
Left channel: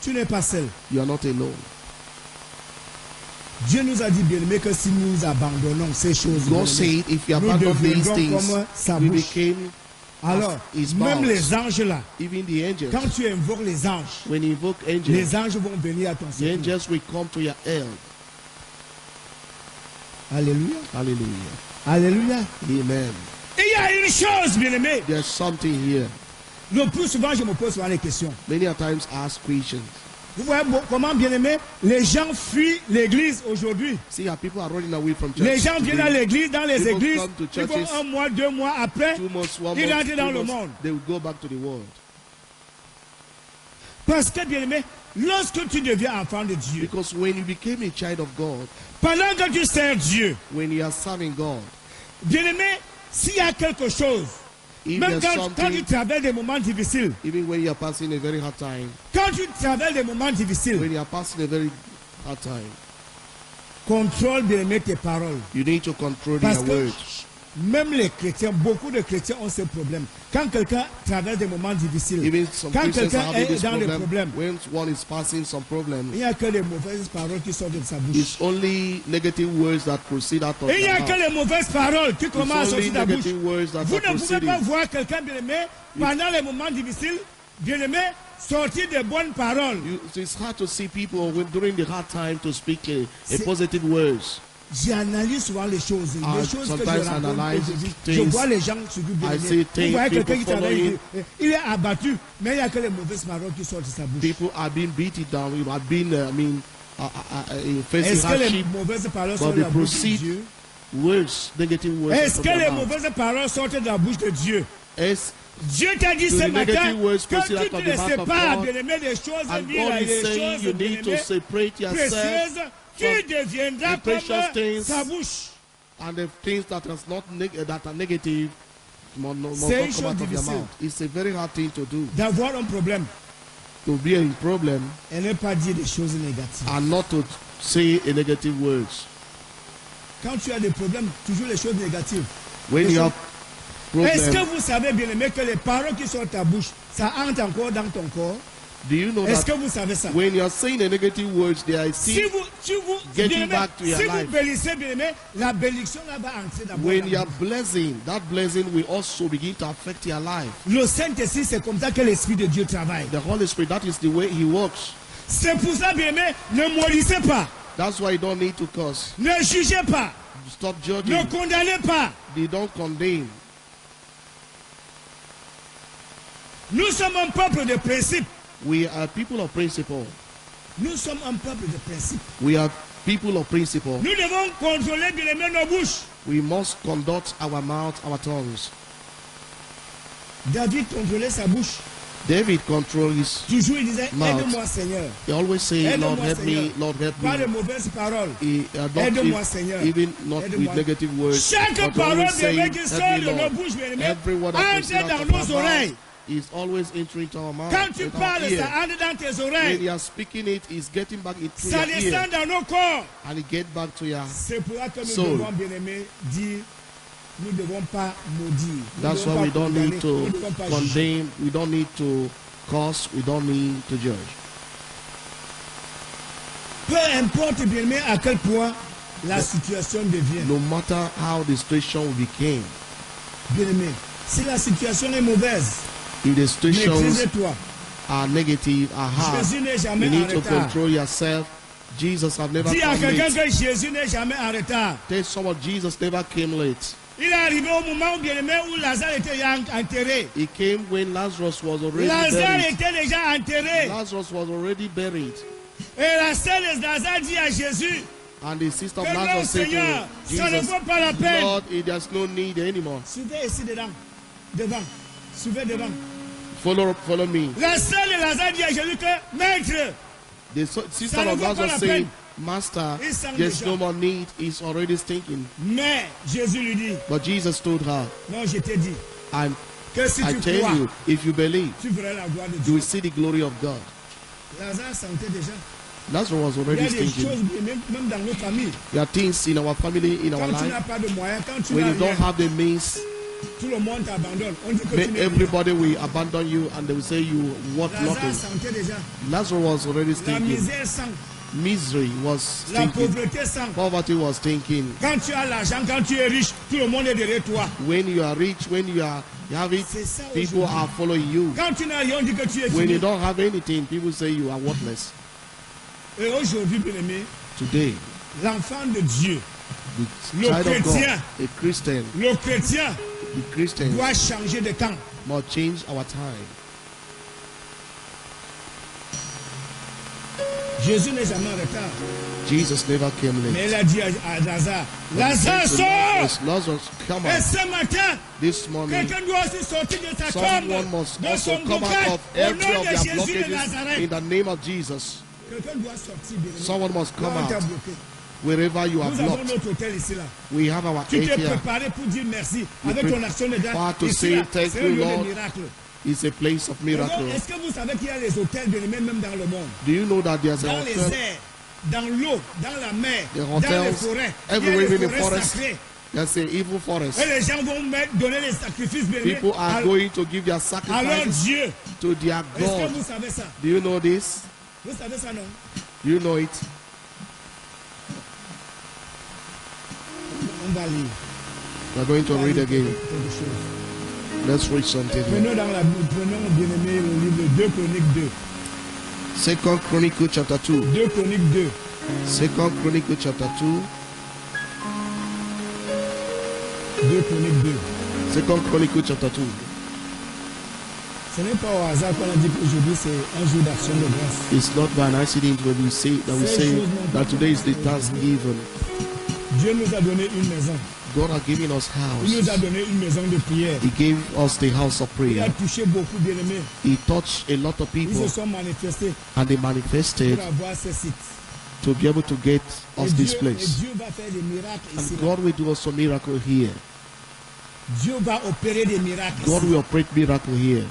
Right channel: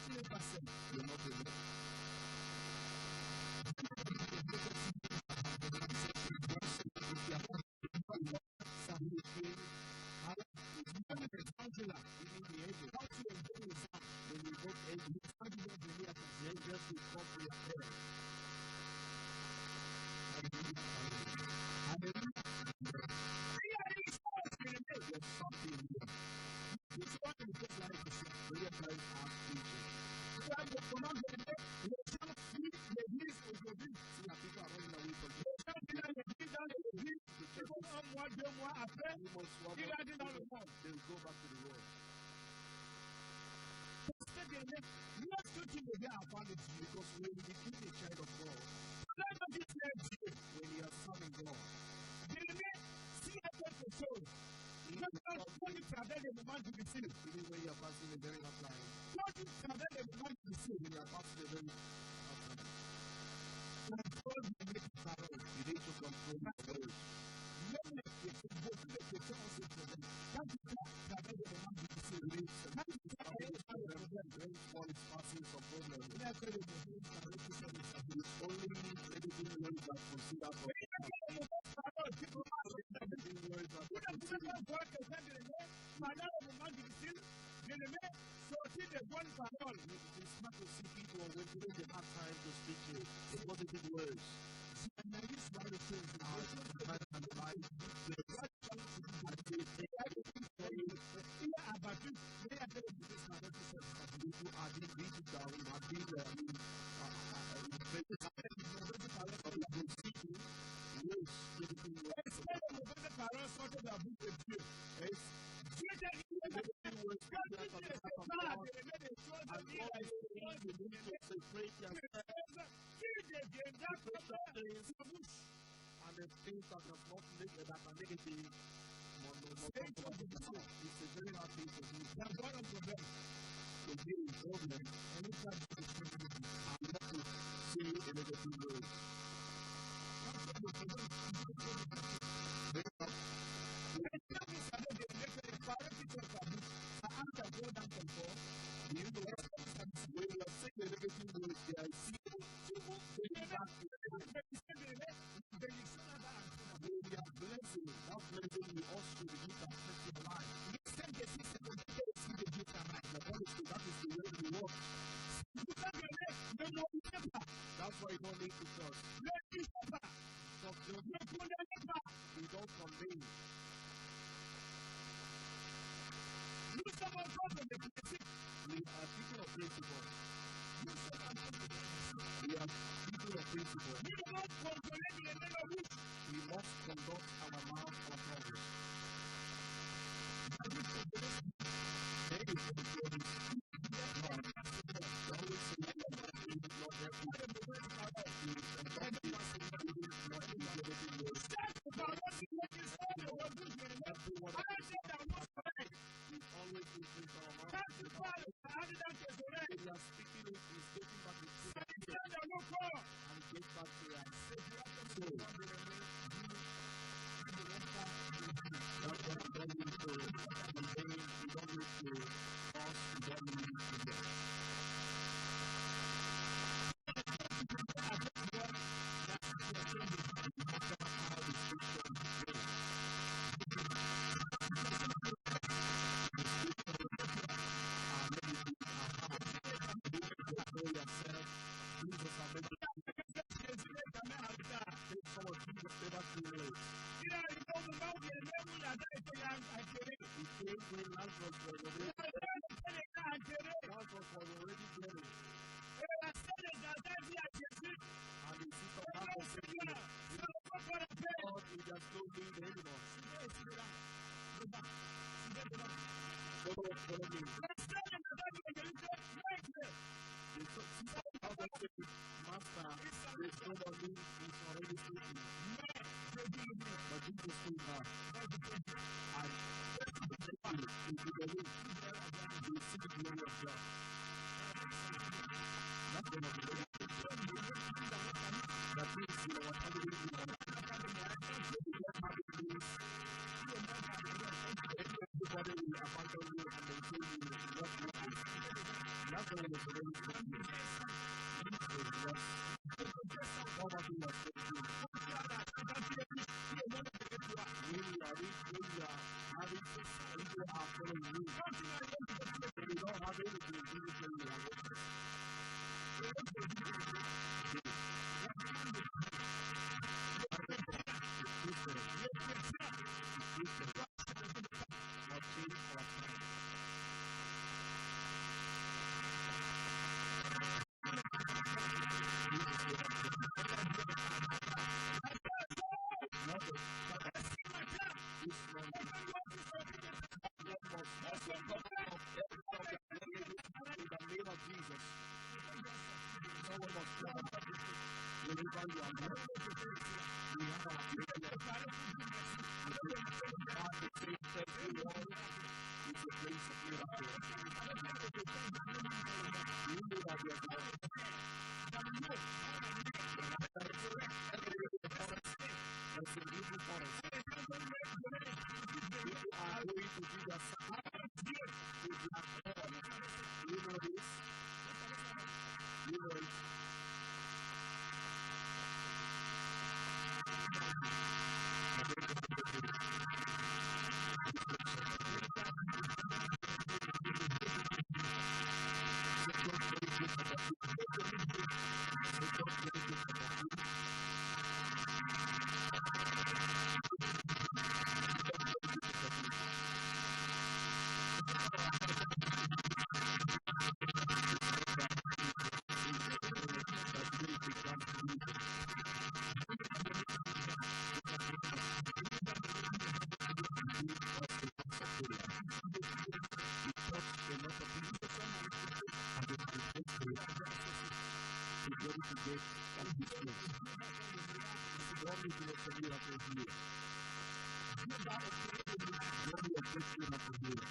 Tu n'es pas seul. You are not alone. Dieu nous a dit, bien-aimé, que si nous abandonnons ces choses, God bien-aimé, said, if you nous abandon these deviendrons things, comme sa we bouche. became Alors, his même mouth. les anges là, Even the angels. quand tu invoques les anges, When you invoke angels, les anges vont venir à ton the secours. angels will come to your help. Alléluia. Hallelujah. Alléluia. Amen. Et il y a une chose, bien-aimé. There's something here. Le plus souvent, je me pose souvent les questions. Many a times ask questions. Vous voyez comment, bien-aimé, les gens fuient l'église aujourd'hui. See how people are running away from church. Les gens viennent à today. l'église, dans les People églises, come to ils vont churches. 1 mois, 2 mois après, 2 months, 1 ils month, rentrent dans 2 le months, monde. they will go back to the world. Parce que, bien-aimé, lorsque tu deviens enfant de Dieu, Because when you became a child of God, pendant que tu sers Dieu, when you are serving God, bien-aimé, s'il y a quelque chose, if même there's quand tu something, traverses des moments difficiles, even when you are passing a very hard time, quand tu traverses des moments difficiles, when you are passing a very hard time, contrôle, bien-aimé, tes paroles. you need to control Parce your que words. même les chrétiens, beaucoup de chrétiens ont ce problème. Quand quelqu'un traverse des moments difficiles, Even some quand Christians quelqu'un are having est this dans des problem. problèmes, When one is passing some problem, il n'y a que les mauvaises paroles qui sortent de sa bouche. it's only negative words that proceed out of Et il n'y your a mouth. que les mauvaises paroles qui It's commencent à only sortir de la bouche. negative words that Vous are ne pouvez proceeding. pas voir quelqu'un bien-aimé pendant les moments difficiles, bien-aimé, sortir de bonnes paroles. It's hard to see people when during the hard time to speak a C'est- positive words. J'analyse souvent les choses. I Les choses que je sometimes rencontre analyse aujourd'hui. Je things. vois les gens se bien I see aimés. Vous things, voyez quelqu'un qui people travaille, il est abattu, mais il n'y a que les mauvaises paroles qui sortent de sa bouche. People are being beaten down. You have been, facing Est-ce que les hardship. mauvaises paroles but sortent de they la bouche de proceed Dieu? Words, negative words. Est-ce out of que les their mouth. mauvaises paroles sortent de la bouche de Dieu? Yes, Dieu t'a dit Do ce the matin negative words que proceed tu out of te the mouth of sépares, God. bien-aimé, des choses and viles God et is des saying choses, you need to bien-aimé, separate yourself précieuses. Tu from deviendras the precious comme things. sa bouche. and the things that is not that are negative must not C'est une come out chose of your difficile. mouth. It's a very hard thing to do. D'avoir un problème To be in problem et ne pas dire des choses négatives. and not to say a negative words. Quand tu as des problèmes, toujours les choses négatives. When Les you choses- have Est-ce problem, que vous savez, bien aimé, que les paroles qui sortent de ta bouche, ça entre encore dans ton corps? Do you know Est-ce that que vous savez ça? when you are saying the negative words, they are Si still vous, getting bien-aimé, back to your si vous life. bénissez, bien-aimé, la bénédiction là va entrer d'abord. When dans you are vous. blessing, that blessing will also begin to affect your life. Le Saint-Esprit, c'est comme ça que l'Esprit de Dieu travaille. The Holy Spirit, that is the way He works. C'est pour ça, bien-aimé, ne maudissez pas, That's why you don't need to curse. ne jugez pas, Stop ne judging. condamnez pas. They don't condemn. Nous sommes un peuple de principe. We are people of principle. Nous sommes un peuple de principe. We are people of principle. Nous devons contrôler, bien-aimé, nos bouches. We must conduct our mouth, our tongues. David contrôlait sa bouche. David controlled his. Toujours, il disait, Mouth. aide-moi, Seigneur. He always say, Aide-moi, Lord help me, Seigneur. Lord help Pas de me. mauvaises paroles. He, not Aide-moi, if- Seigneur. even not with Aide-moi. negative words. Chaque but parole, always saying, bien-aimé, qui sort help de me, nos Lord. bouches, bien-aimé, Every word that comes entre out dans of nos our mouth oreilles. is always entering to our mouth. Quand tu into our parles, ear. ça entre dans tes When oreilles. you are speaking it, it's getting back into Ça your ear. descend dans nos corps. And it get back to your. C'est pour ça que nous Soul. devons, bien-aimé, dire, nous ne devons pas maudire. Nous That's devons why we pas don't condamner. need to Nous ne devons pas juger. condemn. We don't need to curse. We don't need to judge. Peu importe, bien-aimé, à quel point la situation devient. No matter how the situation became, Bien-aimé, si la situation est mauvaise, if the situations maîtrise-toi. are negative, are hard, Jésus n'est jamais you en need to retard. control yourself. Jesus have never Dis à come quelqu'un late. que Jésus n'est jamais en retard. Tell someone Jesus never came late. Il est arrivé au moment où, bien-aimé, où Lazare était déjà enterré. He came when Lazarus was already Lazare buried. était déjà enterré. Lazarus was already buried. Et la sœur de Lazare dit à Jésus And the sister of que non, Lazarus said Seigneur, to ça ne Jesus, vaut pas la peine. Lord, there's no need anymore. Suivez ici dedans. Devant. Suivez devant. Follow me. La sœur de Lazare dit à Jésus que, Maître, The sister Ça ne of vaut pas Lazarus la said, peine. Master, Il sent there's déjà. no more need. It's already stinking. mais Jésus lui dit, But Jesus told her, non, je t'ai dit, I'm, que si I tu tell crois, you, if you believe, tu verras la gloire de you Dieu. will see the glory of God. Lazare sentait déjà. Lazarus was Il y already a des stinking. choses, même dans nos familles. There are things in our family, in our Quand tu n'as life, pas de moyens, quand tu when n'as you don't rien, have the means, tout le monde t'abandonne. On dit que tu n'es rien. everybody will abandon you and they will say you worth Lazare nothing. sentait déjà. Lazarus was already La stinking. misère sent. Misery was La stinking. pauvreté sent. Poverty was stinking. Quand tu as l'argent, quand tu es riche, tout le monde est derrière toi. When you are rich, when you have it, C'est ça people aujourd'hui. are following you. Quand tu n'as rien, on dit que tu es When fini. you don't have anything, people say you are worthless. Et aujourd'hui, bien aimé, Today, l'enfant de Dieu, the Le child of God, chrétien. a Christian, le chrétien, the Christian doit changer de camp. must change our time. Jésus n'est jamais en retard. Jesus never came Mais late. il a dit à Lazare, But he Lazare, said to sors! Lazarus, Lazarus, come Et out. ce matin, This morning, quelqu'un doit aussi sortir de sa someone tombe, must de also son come blocage, out of au every nom of de their Jésus de blockages in Nazareth. the name of Jesus. Quelqu'un doit sortir, bien aimé. Someone must come Là, on t'a out bloqué. wherever you are Nous avons blocked. notre hôtel ici, là. We have our Tu t'es faith here. préparé pour dire merci You avec ton action de grâce. prepared to Ici, say là, thank c'est un you, lieu de Lord. miracle. It's a place of Et donc, miracle. est-ce que vous savez qu'il y a les hôtels, bien aimé, même dans le monde? Do you know that there's a Dans les hotel? airs, dans l'eau, dans la mer, The dans les hotels, forêts. Il y a everywhere les in the forêts forest. sacrées. There's an evil forest. Et les gens vont donner les sacrifices, bien aimé, People are à going to give their leur sacrifices Dieu. to their Est-ce que God. vous savez ça? Do you know this? Vous savez ça, non? You know it. On va lire. We're going to read again. quelque chose. Let's read something here. Prenons dans la Bible, prenons, bien aimé, le livre 2 Chroniques 2. Second Chronicle chapter 2. 2 Chroniques 2. Second Chronicle chapter 2. 2 Chroniques 2. Second Chronicle chapter 2. Ce n'est pas au hasard qu'on a dit qu'aujourd'hui c'est un jour d'action de grâce. It's not by an accident when we say that today is the Thanksgiving. Dieu nous a donné une maison. God has given us Il nous a house. donné une maison de prière. He gave us the house of Il a prayer. touché beaucoup, bien aimés. He touched a lot of Ils people se sont manifestés and they manifested pour avoir ce site. to be able to get Et us this et place. Dieu va faire des miracles ici. And God will do us a miracle here. Dieu va opérer des miracles God ici. will operate miracle here.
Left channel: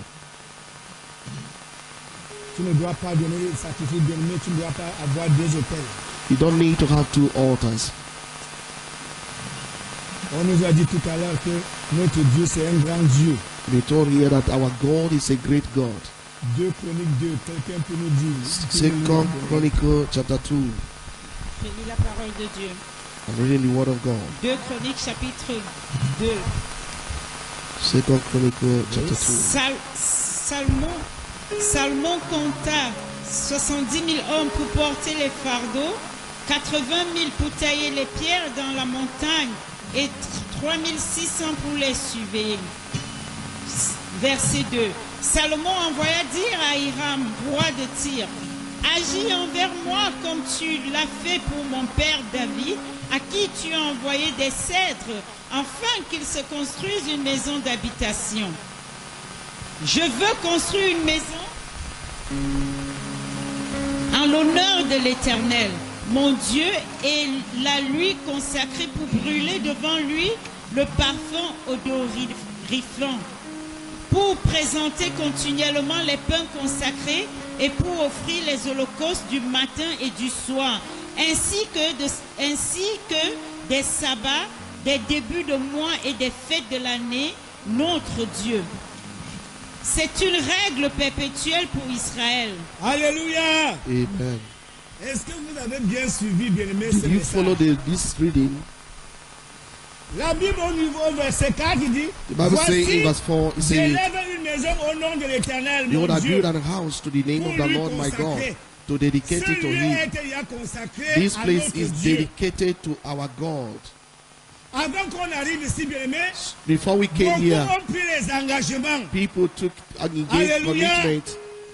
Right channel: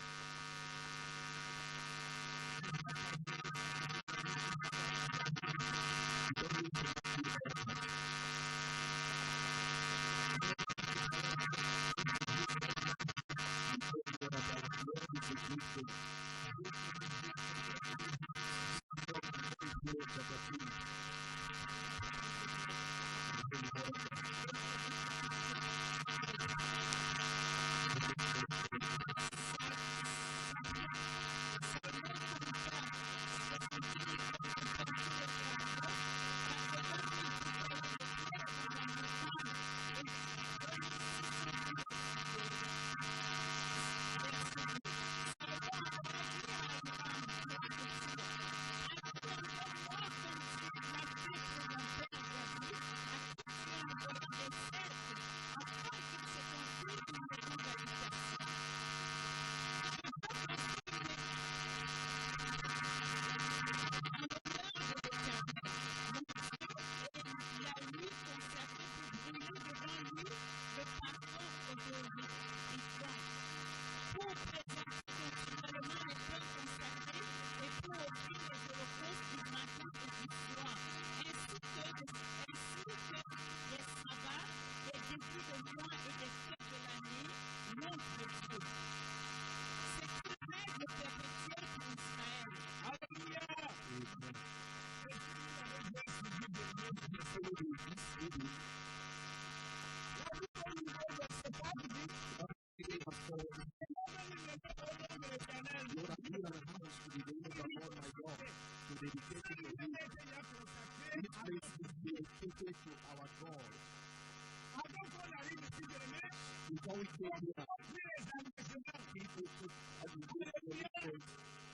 Tu ne dois pas donner le sacrifice, bien aimé. Tu ne dois pas avoir deux hôtels. You don't need to have two altars. On nous a dit tout à l'heure que notre Dieu c'est un grand Dieu. We told here that our God is a great God. 2 Chroniques 2, quelqu'un peut nous dire. Second Chronicle chapter 2. Je lis la parole de Dieu. I'm reading the word of God. 2 Chroniques chapitre 2. Second Chronicle chapter 2. Salomon compta 70 000 hommes pour porter les fardeaux, 80 000 pour tailler les pierres dans la montagne et 3 600 pour les surveiller. Verset 2. Salomon envoya dire à Hiram, roi de Tyr, agis envers moi comme tu l'as fait pour mon père David, à qui tu as envoyé des cèdres, afin qu'il se construise une maison d'habitation. Je veux construire une maison en l'honneur de l'Éternel, mon Dieu, et la lui consacrer pour brûler devant lui le parfum odoriflant, pour présenter continuellement les pains consacrés et pour offrir les holocaustes du matin et du soir, ainsi que des sabbats, des débuts de mois et des fêtes de l'année, notre Dieu. C'est une règle perpétuelle pour Israël. Alléluia. Amen. Est-ce que vous avez bien suivi, bien-aimé, ce Do you follow message? this reading? La Bible au niveau verset 4 il dit, The Bible says in verse 4, it says, j'élève une maison au nom de l'Éternel, mon behold, I Dieu. build an house to the name of the Lord my God, to dedicate Ce it to lieu him. est déjà consacré This à place notre is Dieu. dedicated to our God. Avant qu'on arrive ici, bien-aimé, Before we came beaucoup here, ont pris les engagements people took an Hallelujah.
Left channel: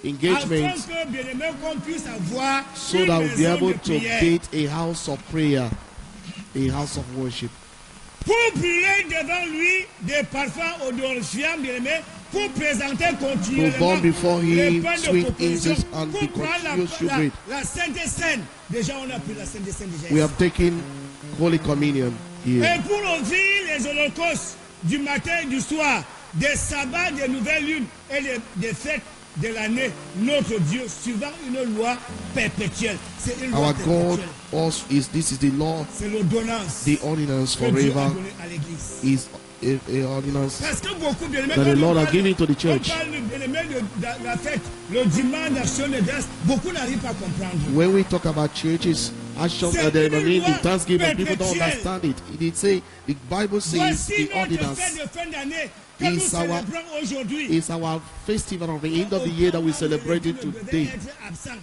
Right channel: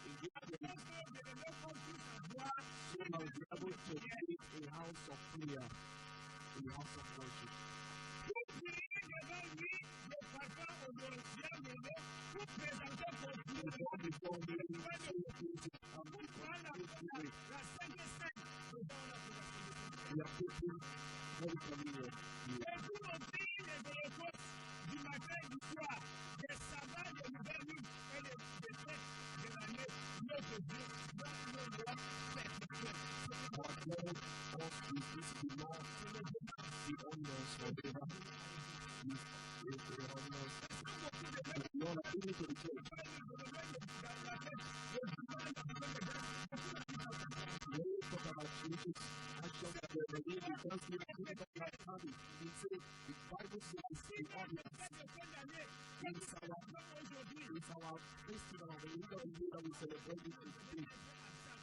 engagement afin que, bien-aimé, qu'on puisse avoir so une that we'll be maison able de to prière. build a house of prayer, a house of worship, Pour brûler devant lui des parfums odorifiants, bien-aimé, pour présenter to continuellement burn before les him pains de sweet proposition, incense and pour the prendre continuous showbread. la Sainte Seine. Déjà, on a pris la Sainte Seine déjà. We have taken Holy Communion Et here. pour offrir les holocaustes du matin et du soir, des sabbats, des nouvelles lunes et des fêtes de l'année, notre Dieu, suivant une loi perpétuelle. C'est une loi Our God perpétuelle. also is the law, C'est l'ordonnance the ordinance que Dieu a forever donnée à l'Église. is a ordinance Parce que beaucoup, bien aimés, that the quand Lord on has parle- given to the on church. parle, bien aimé, de la fête, le dimanche d'action de grâce, beaucoup n'arrivent pas à comprendre. When we talk about churches, action, C'est the une loi Thanksgiving, people don't perpétuelle. understand it. It say the Bible says Voici the notre ordinance fête de fin d'année que nous is our- célébrons aujourd'hui. is our festival of the end of the year that we celebrate it today. Être absent.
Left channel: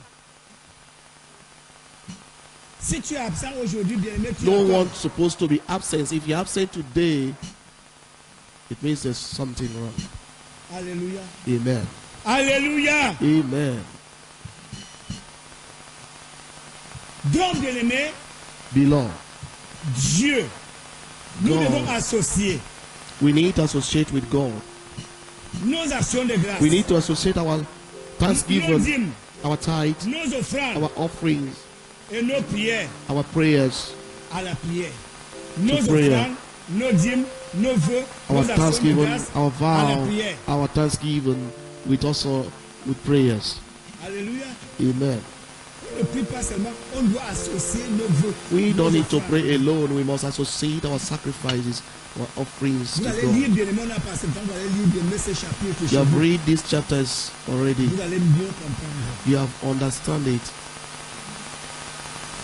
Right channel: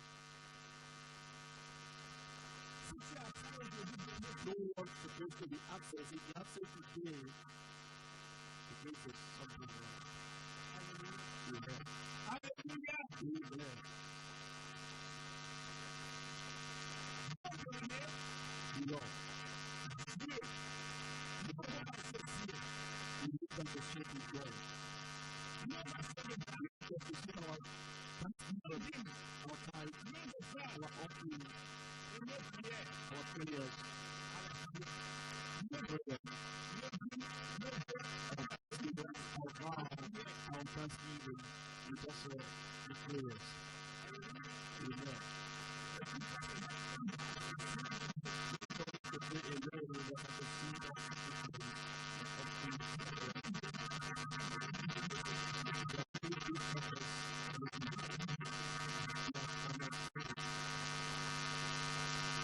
Si tu es absent aujourd'hui, bien aimé, tu No es one's supposed to be absent. If you're absent today, it means there's something wrong. Alléluia. Amen. Alléluia. Amen. Donc, bien aimé, Beloved, Dieu, nous God. devons associer we need to associate with God. nos actions de grâce, We need to associate our nos thanksgiving, dîmes, our tithe, nos offrandes our offerings, et nos prières our prayers, à la prière. Nos prayer. offrandes, nos dîmes, nos vœux, our nos actions de thanksgiving, grâce our à la vow, prière. our thanksgiving, with also with prayers. Alléluia. Amen. On ne prie pas seulement, on doit associer nos vœux. We nos don't need to offrandes. pray alone. We must associate our sacrifices, our offerings Vous to allez God. lire, bien aimé, on a passé le temps, vous allez lire bien aimé ces chapitres You chez have vous. read these chapters already. Vous allez mieux comprendre. You have understand it.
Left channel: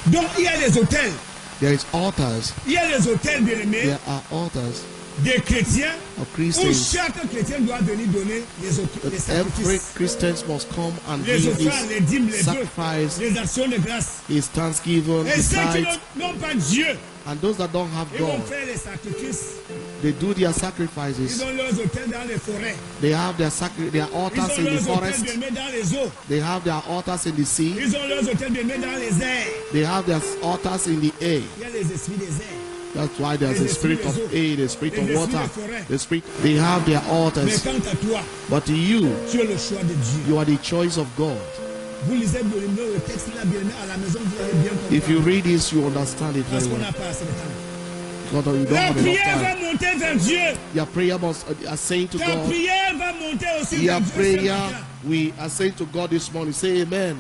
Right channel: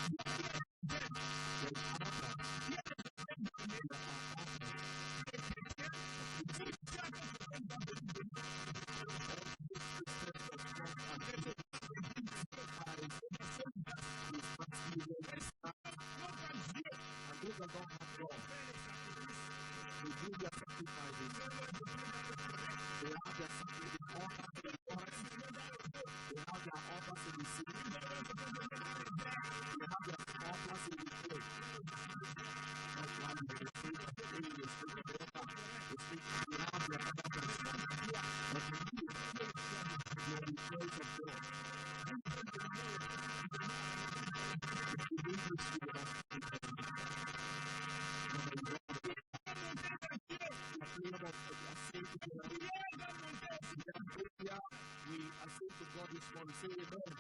Donc, il y a des hôtels. There is altars. Il y a des hôtels, bien aimés, There are altars des chrétiens of où Christians. chaque chrétien doit venir donner les Every sacrifices, Christian must come and les give offrandes, les his dîmes, les vœux, sacrifice, les actions de grâce. his thanksgiving, Et his ceux qui tithes. n'ont pas Dieu, And those that don't have ils vont God, faire les sacrifices. they do their Ils sacrifices. ont leurs hôtels dans les forêts. They have their Ils altars ont in the leurs hôtels forest. bien aimés dans les eaux. They have their altars in the sea. Ils ont leurs hôtels bien aimés dans les airs. They have their altars in the air. Il y a les esprits des airs. That's why there's a spirit of air, the spirit of water, the spirit. They have their Mais altars. quant à toi, But you, tu es le choix de Dieu. you are the choice of God. Vous lisez bien aimé le texte là, bien aimé, à la maison, vous allez bien comprendre. If you read this, you understand it Parce very qu'on well. n'a pas assez de temps. God, you don't La have enough prière va time. monter vers Dieu. Your prayer must ascend to Ta God. prière va monter aussi Your vers Dieu. ce prayer, matin. we ascend to God this morning. Say amen.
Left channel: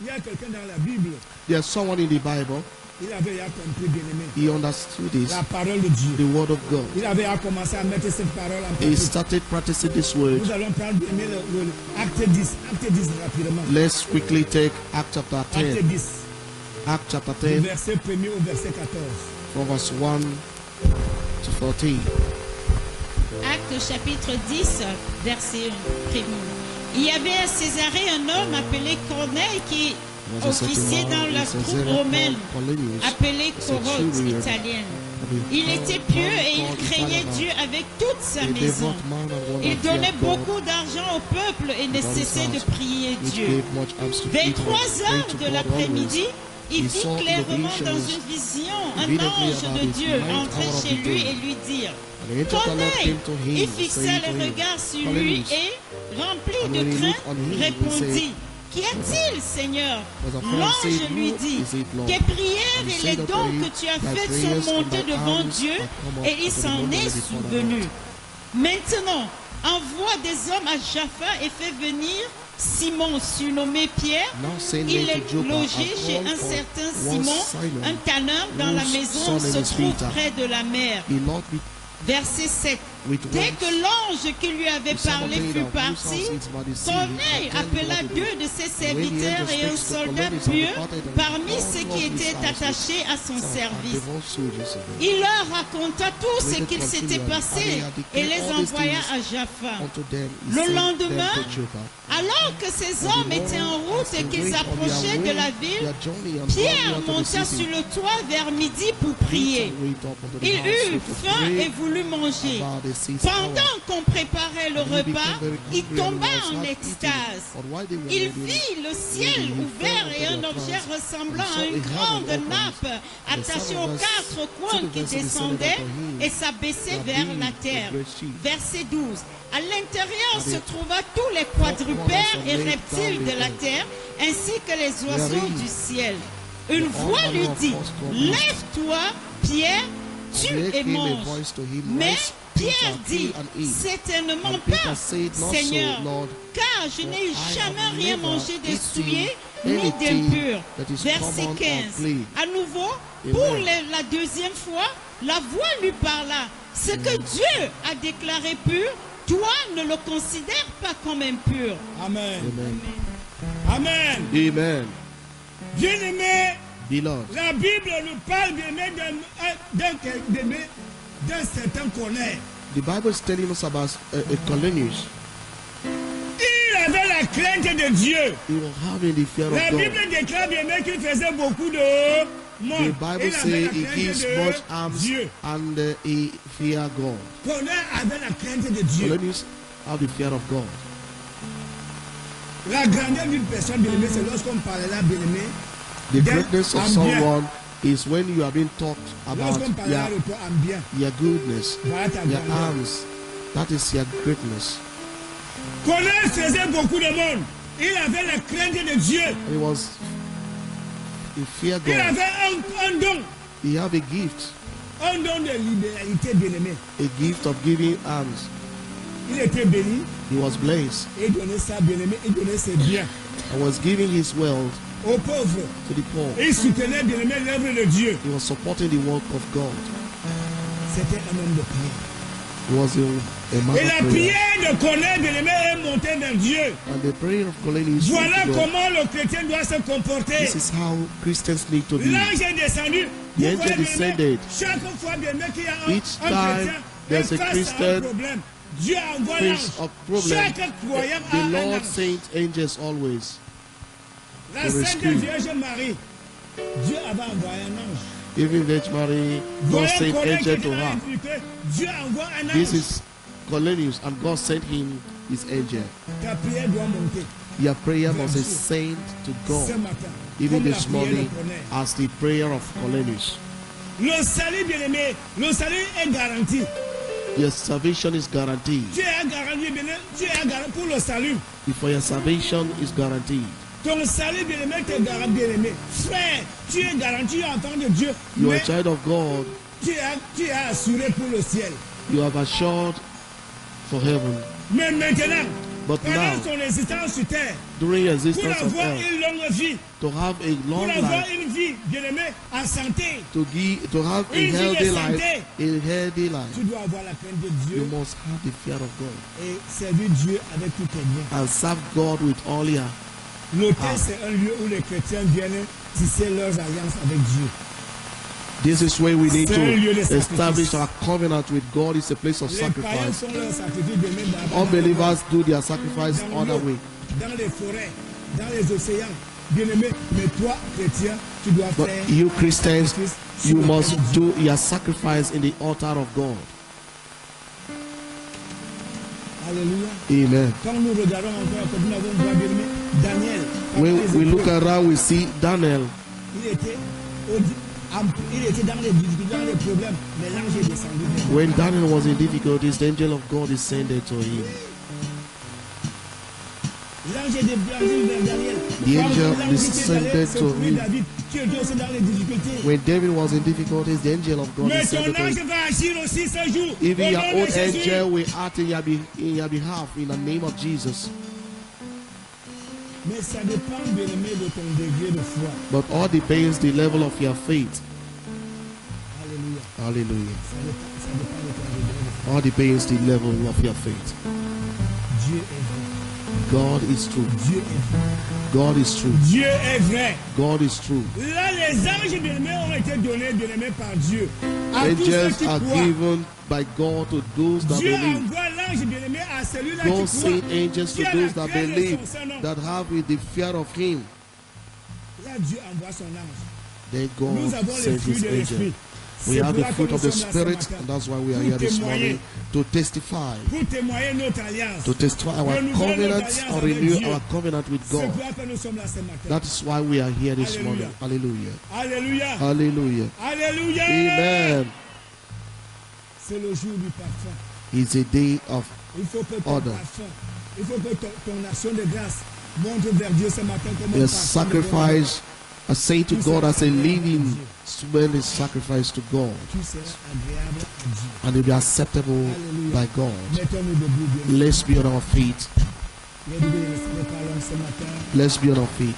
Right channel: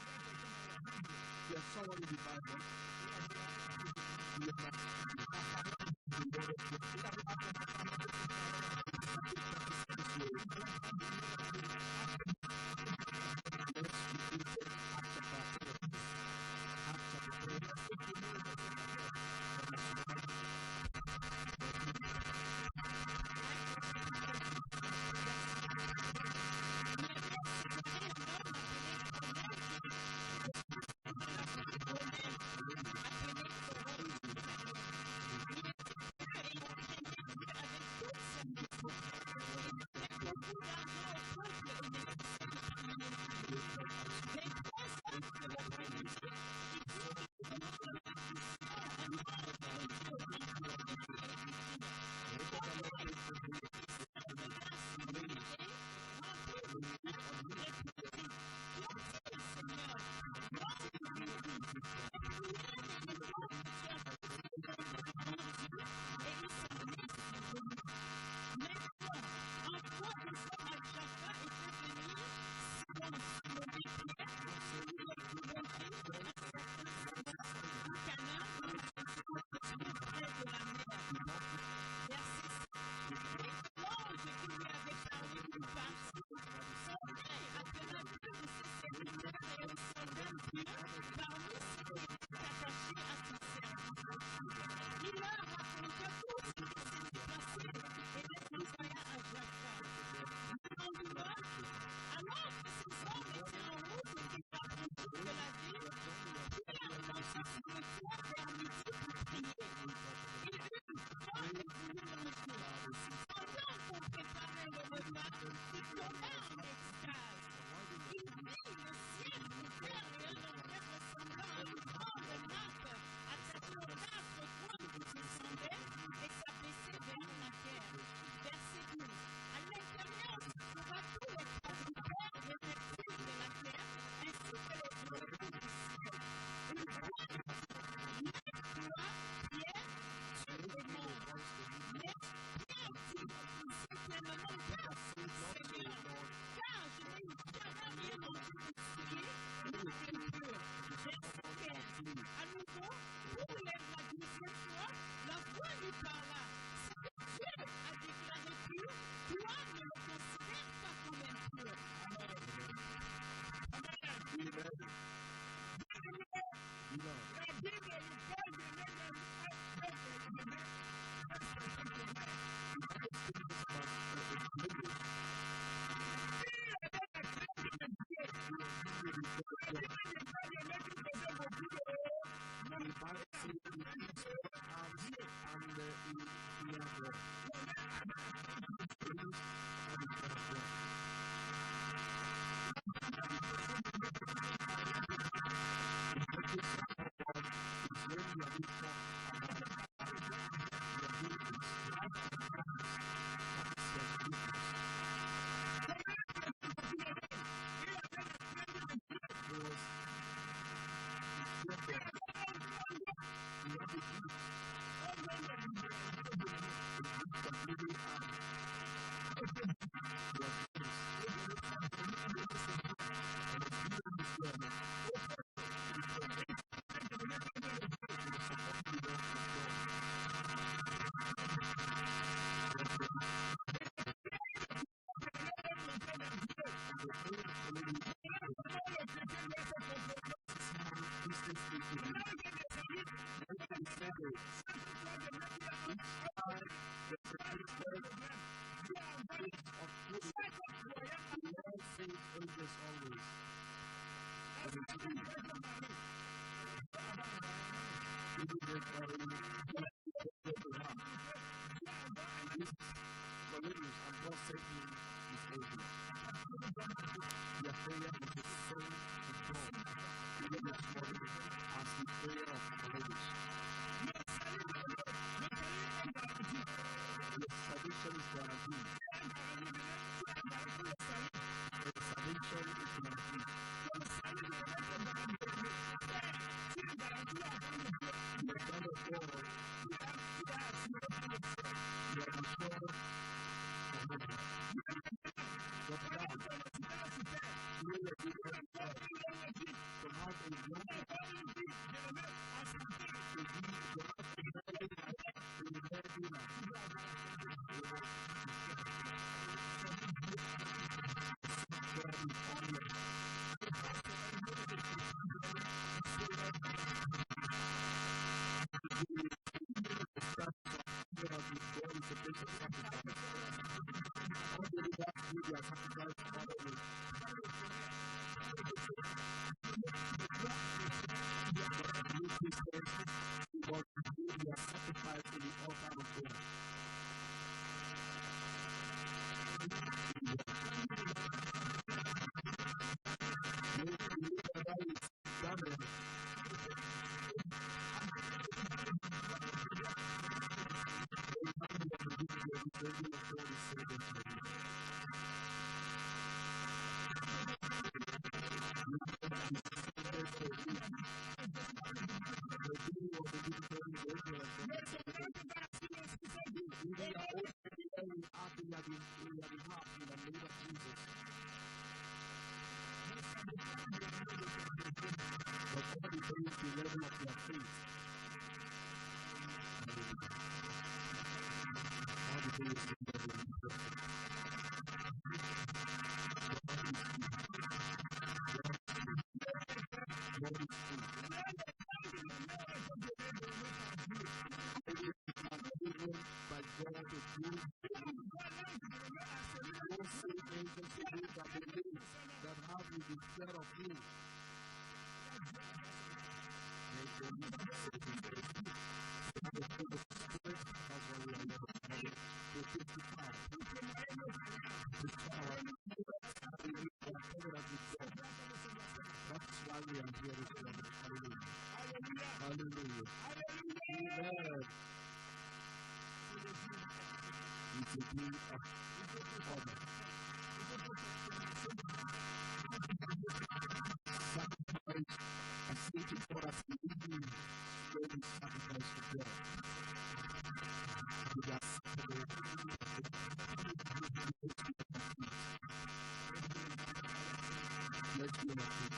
Il y a quelqu'un dans la Bible. There's someone in the Bible. Il avait déjà compris, bien-aimé, He understood this, la parole de Dieu. the word of God. Il avait déjà commencé à mettre cette parole en He pratique. started practicing this word. Nous allons prendre, bien-aimé, acte 10. Acte 10 rapidement. Let's quickly take Acts chapter Acte 10. 10. Acts chapter Du 10, verset 1er au verset 14. from verse 1 to 14. Acte chapitre 10, verset 1. Il y avait à Césarée un homme appelé Corneille qui Was a certain officier man dans la in troupe Caesarea romaine called Cornelius, appelée a Corotte centurion, italienne. having Il était pieux et il called craignait Italian, Dieu avec toute sa a maison. devout man and one Il that donnait feared God, beaucoup d'argent au peuple et ne cessait de prier which Dieu. gave much alms to Vers people, 3 praying heures to de God l'après-midi, always. il He vit saw in the clairement dans visions une vision un immediately ange about de his Dieu ninth entrer hour of chez the lui day. et lui dire And the angel of the Lord Corneille, came to him, il fixa saying les to him, regards sur lui Cornelius. et, rempli And de when he crainte, looked on him, he répondit said, Qu'y a-t-il, Seigneur? Was a friend L'ange said, lui Who dit is it, Lord? Tes prières And he et said les unto dons him, que tu as Thy faits prayers sont and montés thy devant alms Dieu are come up et il unto the s'en Lord est before the souvenu. Lord. Maintenant, envoie des hommes à Jaffa et fais venir Simon, surnommé Pierre. Now send Il men est to Joppa logé and chez call un for certain one Simon, Simon, un tanneur dont la whose maison son se name is trouve Peter. près de la mer. He not with Verset 7. with Dès words. que l'ange qui lui avait The son of parlé David, fut whose parti, house is by the sea, Corneille attended appela what to do. deux de ses And when the serviteurs angel et un speaks to soldat Cornelius and pieux departed, and parmi called ceux one qui of his étaient household, attachés à son some service. devout soldiers of him, Il leur raconta tout ce waited qu'il s'était continually, passé and he had et declared les all these envoya things à Jaffa. unto them. He Le sent them lendemain, to Joppa. Alors que ces hommes étaient en route et qu'ils approchaient de la ville, Pierre monta sur le toit vers midi pour prier. Il eut faim et voulut manger. Pendant qu'on préparait le repas, il tomba en extase. Il vit le ciel ouvert et un objet ressemblant à une grande nappe attachée aux 4 coins qui descendait et s'abaissait vers la terre. Verset 12. À l'intérieur se trouva tous les quadrupèdes et reptiles de la terre, ainsi que les oiseaux du ciel. Une voix lui dit, lève-toi, Pierre, tue et mange. Mais Pierre dit, certainement pas, Seigneur, car je n'ai jamais rien mangé de souillé ni d'impur. Verset 15. À nouveau, pour la deuxième fois, la voix lui parla. Ce que Dieu a déclaré pur, toi ne le considères pas comme impur. Amen. Amen. Amen. Amen. Bien-aimé, Beloved, la Bible nous parle bien-aimé d'un certain Corneille. the Bible is telling us about Cornelius. Il avait la crainte de Dieu. He was having the fear of La God. Bible déclare bien-aimé qu'il faisait beaucoup de monde. The Bible Il avait says la he crainte gives de much alms Dieu. and he fear God. Corneille avait la crainte de Dieu. Cornelius have the fear of God. La grandeur d'une personne, bien-aimé, c'est lorsqu'on parlera, bien-aimé, The Then greatness of I'm bien. someone is when you have been talked about lorsqu'on parlera de toi en bien. your goodness, Voilà ta your grandeur. arms. That is your greatness. Corneille faisait beaucoup de monde. Il avait la crainte de Dieu. He was he fear Il God. avait un don. He have a gift, Un don de libéralité, bien-aimé. a gift of giving alms. Il était béni He was blessed et il donnait ça, bien-aimé. Il donnait ses biens and was giving his wealth aux pauvres. to the poor. Il soutenait, bien-aimé, l'œuvre de Dieu. He was supporting the work of God. C'était un homme de prière. He was a man Et la of prayer. prière de Corneille, bien-aimé, est montée vers Dieu. And the prayer of Cornelius went Voilà to God. comment le chrétien doit se comporter. This is how Christians need to be. L'ange est descendu. The Vous angel voyez, bien-aimé, descended. chaque fois, bien-aimé, qu'il y a Each un time chrétien there's a est face à un Christian problème, Dieu envoie l'ange. face of problem, Chaque croyant a the un Lord ange. sent angels always. La to Sainte rescue. Vierge Marie, Dieu avait envoyé un ange. Even Virgin Mary, God Voilà sent Corneille qui angel était to là her. impliqué. Dieu envoie un This ange. is Cornelius, and God sent him his angel. Ta prière doit monter Your prayer must ascend to ce God, matin. even Comme la this prière de morning, Corneille. as the prayer of Cornelius. Le salut, bien-aimé, le salut est garanti. Your salvation is guaranteed. Dieu est garanti, bien-aimé. Dieu est garanti pour le salut. Before your salvation is guaranteed. Ton salut, bien-aimé, t'es garanti, bien-aimé. Frère, tu es garanti enfant de Dieu. You are Mais a child of God. tu es assuré pour le ciel. You have assured for heaven. Mais maintenant, But now, pendant son existence sur terre, during pour existence of avoir earth, une longue vie, to have a pour long avoir life, une vie, bien-aimé, en santé, to have a Une vie de healthy santé. life, a healthy life, tu dois avoir la crainte de you Dieu must have the fear of God et servir Dieu avec tout ton bien. and serve God with all your. L'autel, c'est un lieu où les chrétiens viennent tisser leurs alliances avec Dieu. This is where we need C'est un lieu de to establish sacrifice. our covenant with God. It's a place of Les païens sacrifice. font leur sacrifice de même dans Unbelievers do their sacrifice dans other l'eau, way. dans les forêts, dans les océans. Bien-aimé, mais toi, chrétien, tu dois But faire you Christians, sacrifice you sur le must autel de Dieu. do your sacrifice in the altar of God. Alléluia. Amen. Quand nous regardons encore, comme nous avons vu, bien-aimé, Daniel, pendant When les we look épreuves, around, we see Daniel. il était dans les difficultés, dans les problèmes, mais l'ange est descendu vers lui. When Daniel was in difficulties, the angel of God descended to him. L'ange est descendu vers Daniel. The Quand angel l'ange était allé descended to secourir him. David, qui était aussi dans les difficultés. When David was in difficulties, the angel of God Mais ton descended to ange him. va agir aussi ce jour. Even Au your nom own de Jésus. angel will act in your behalf in the name of Jesus. Mais ça dépend, bien-aimé, de ton degré de foi. But all depends the level of your faith. Alléluia. Hallelujah. Ça dépend de ton degré de foi. All depends the level of your faith. Dieu est vrai. God is true. Dieu est vrai. God is true. Dieu est vrai. God is true. Là, les anges bien-aimés ont été donnés, bien-aimés, par Dieu. À tous ceux Angels qui are croient. given by God to those that Dieu believe. envoie l'ange bien-aimé à celui-là God qui sent croit. angels Qui to a la those that crainte de believe, son Saint-Nom. that have the fear of Him. Là, Dieu envoie son ange. Then Nous God avons les sent fruits His de angel. l'esprit. We C'est have pour the là que fruit nous of the sommes là ce Spirit, matin. and that's why we are Pour here this témoigner. morning to testify. Pour témoigner notre alliance. To testify our Renouveler notre covenant alliance or avec renew Dieu. our covenant with C'est God. pour là que nous sommes là ce matin. That is why we are here this Hallelujah. morning. Hallelujah. Alléluia. Hallelujah. Alléluia. Amen. C'est le jour du parfum. It's a day of Il faut que ton Order. parfum, il faut que ton action de grâce monte vers Dieu ce matin comme un the parfum de bonheur. sacrifice. I say to God as a living smelling sacrifice to God, Tout sera agréable à Dieu. and it will be acceptable by God. Mettons-nous debout, bien. Let's be on our feet. Les parlons ce matin. Let's be on our feet.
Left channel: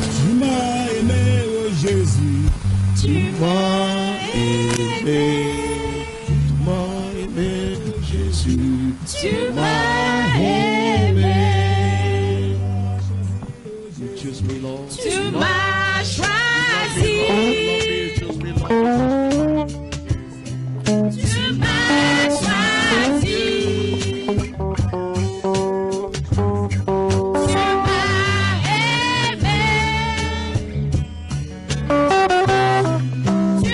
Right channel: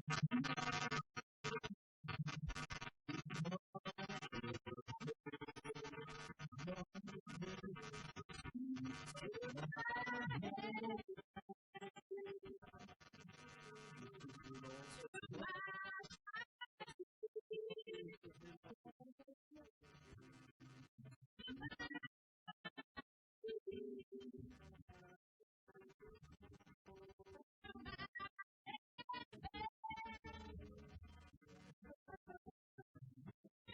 Tu m'as aimé, oh Jésus. Tu m'as aimé, tu m'as aimé, Jésus. Tu m'as aimé. You choose me, Lord. Tu m'as choisi. You choose me, Lord. Tu m'as choisi. Tu m'as aimé. Tu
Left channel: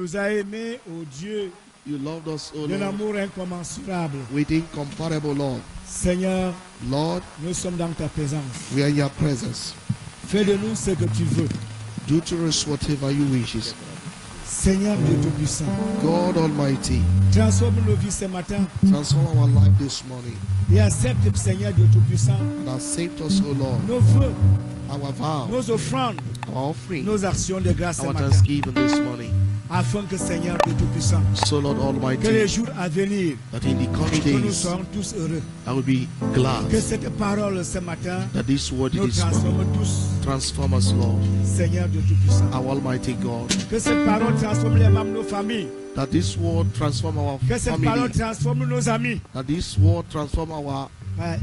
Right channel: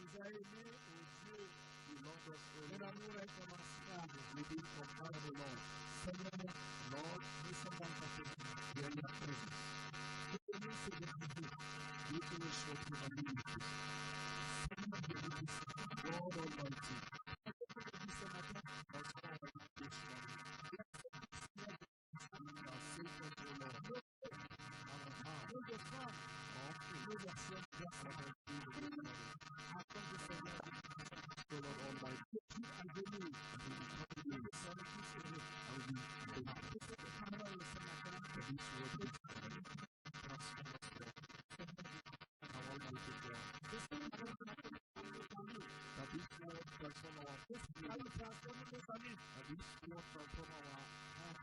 nous as aimés, ô Dieu, You loved us, O d'un Lord, amour incommensurable. with incomparable love. Seigneur, Lord, nous sommes dans ta présence. we are in your presence. Fais de nous ce que tu veux. Do to us whatever you wish. Seigneur Dieu Tout-Puissant, God Almighty, transforme nos vies ce matin transform our life this morning et accepte, Seigneur Dieu Tout-Puissant, and accept us, O Lord, nos vœux, our vow, nos offrandes, our offering, nos actions de grâce ce our matin, thanksgiving this morning. afin que, Seigneur Dieu Tout-Puissant, So, Lord que les Almighty, jours à venir, that in the coming que nous days soyons tous heureux. I will be glad Que cette parole ce matin that this word nous this morning transforme tous, transform us, Lord, Seigneur Dieu Tout-Puissant. our Almighty God. Que cette parole transforme les membres de nos familles. That this word transform our Que cette parole family. transforme nos amis. That this word transform our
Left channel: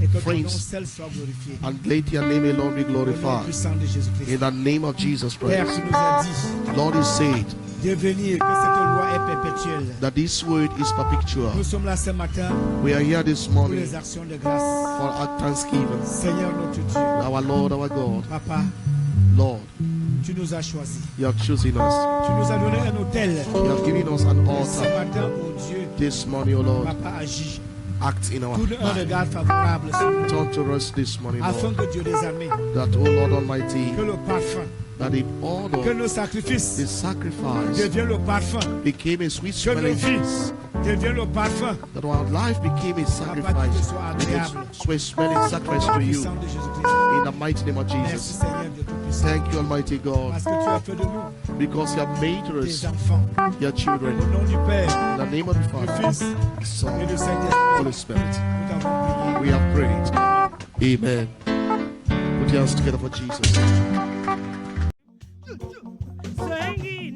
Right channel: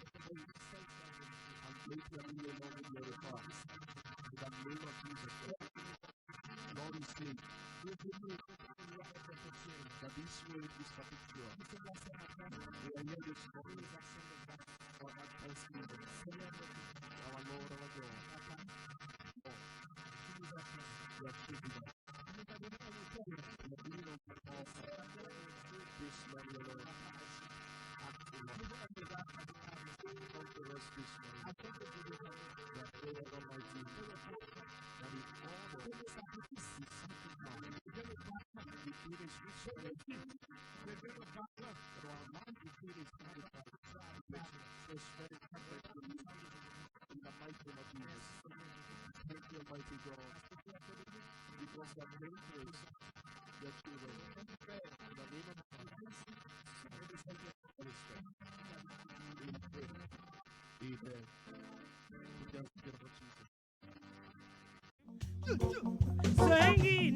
Et que ton nom friends. seul soit glorifié. and let your name alone be Au nom glorified. puissant de Jésus-Christ. In the name of Jesus Père, Christ. tu nous as dit Lord is said de venir, que cette loi est perpétuelle. that this word is perpetual. Nous sommes là ce matin We are here this pour morning les actions de grâce. for our thanksgiving. Seigneur notre Dieu, Our Lord, our God, Papa, Lord, tu nous as choisis. you have chosen us. Tu nous as donné un hôtel. You have given us an Et ce altar. matin, mon Dieu, This morning, O Lord, Papa agit. act in our Tourne un life. regard favorable sur nous. Turn to us this morning, Afin Lord, que Dieu des armées, that, O Lord Almighty, que le parfum, that the que order, nos sacrifices the sacrifice deviennent le parfum, became a sweet que nos smelling vies incense. deviennent le parfum. That our life became a sacrifice, a sweet smelling sacrifice to you. Puissant de Jésus-Christ. In the mighty name of Merci Jesus. Seigneur Dieu Tout-Puissant. Thank you, Almighty God, Parce que tu as fait de nous because you have made tes us enfants. your Au children. nom du Père, In the name of the du Father, Fils the et Son, du Holy Saint-Esprit, Spirit. nous t'avons We prié. have prayed. Amen. Put your hands together for Jesus. Singing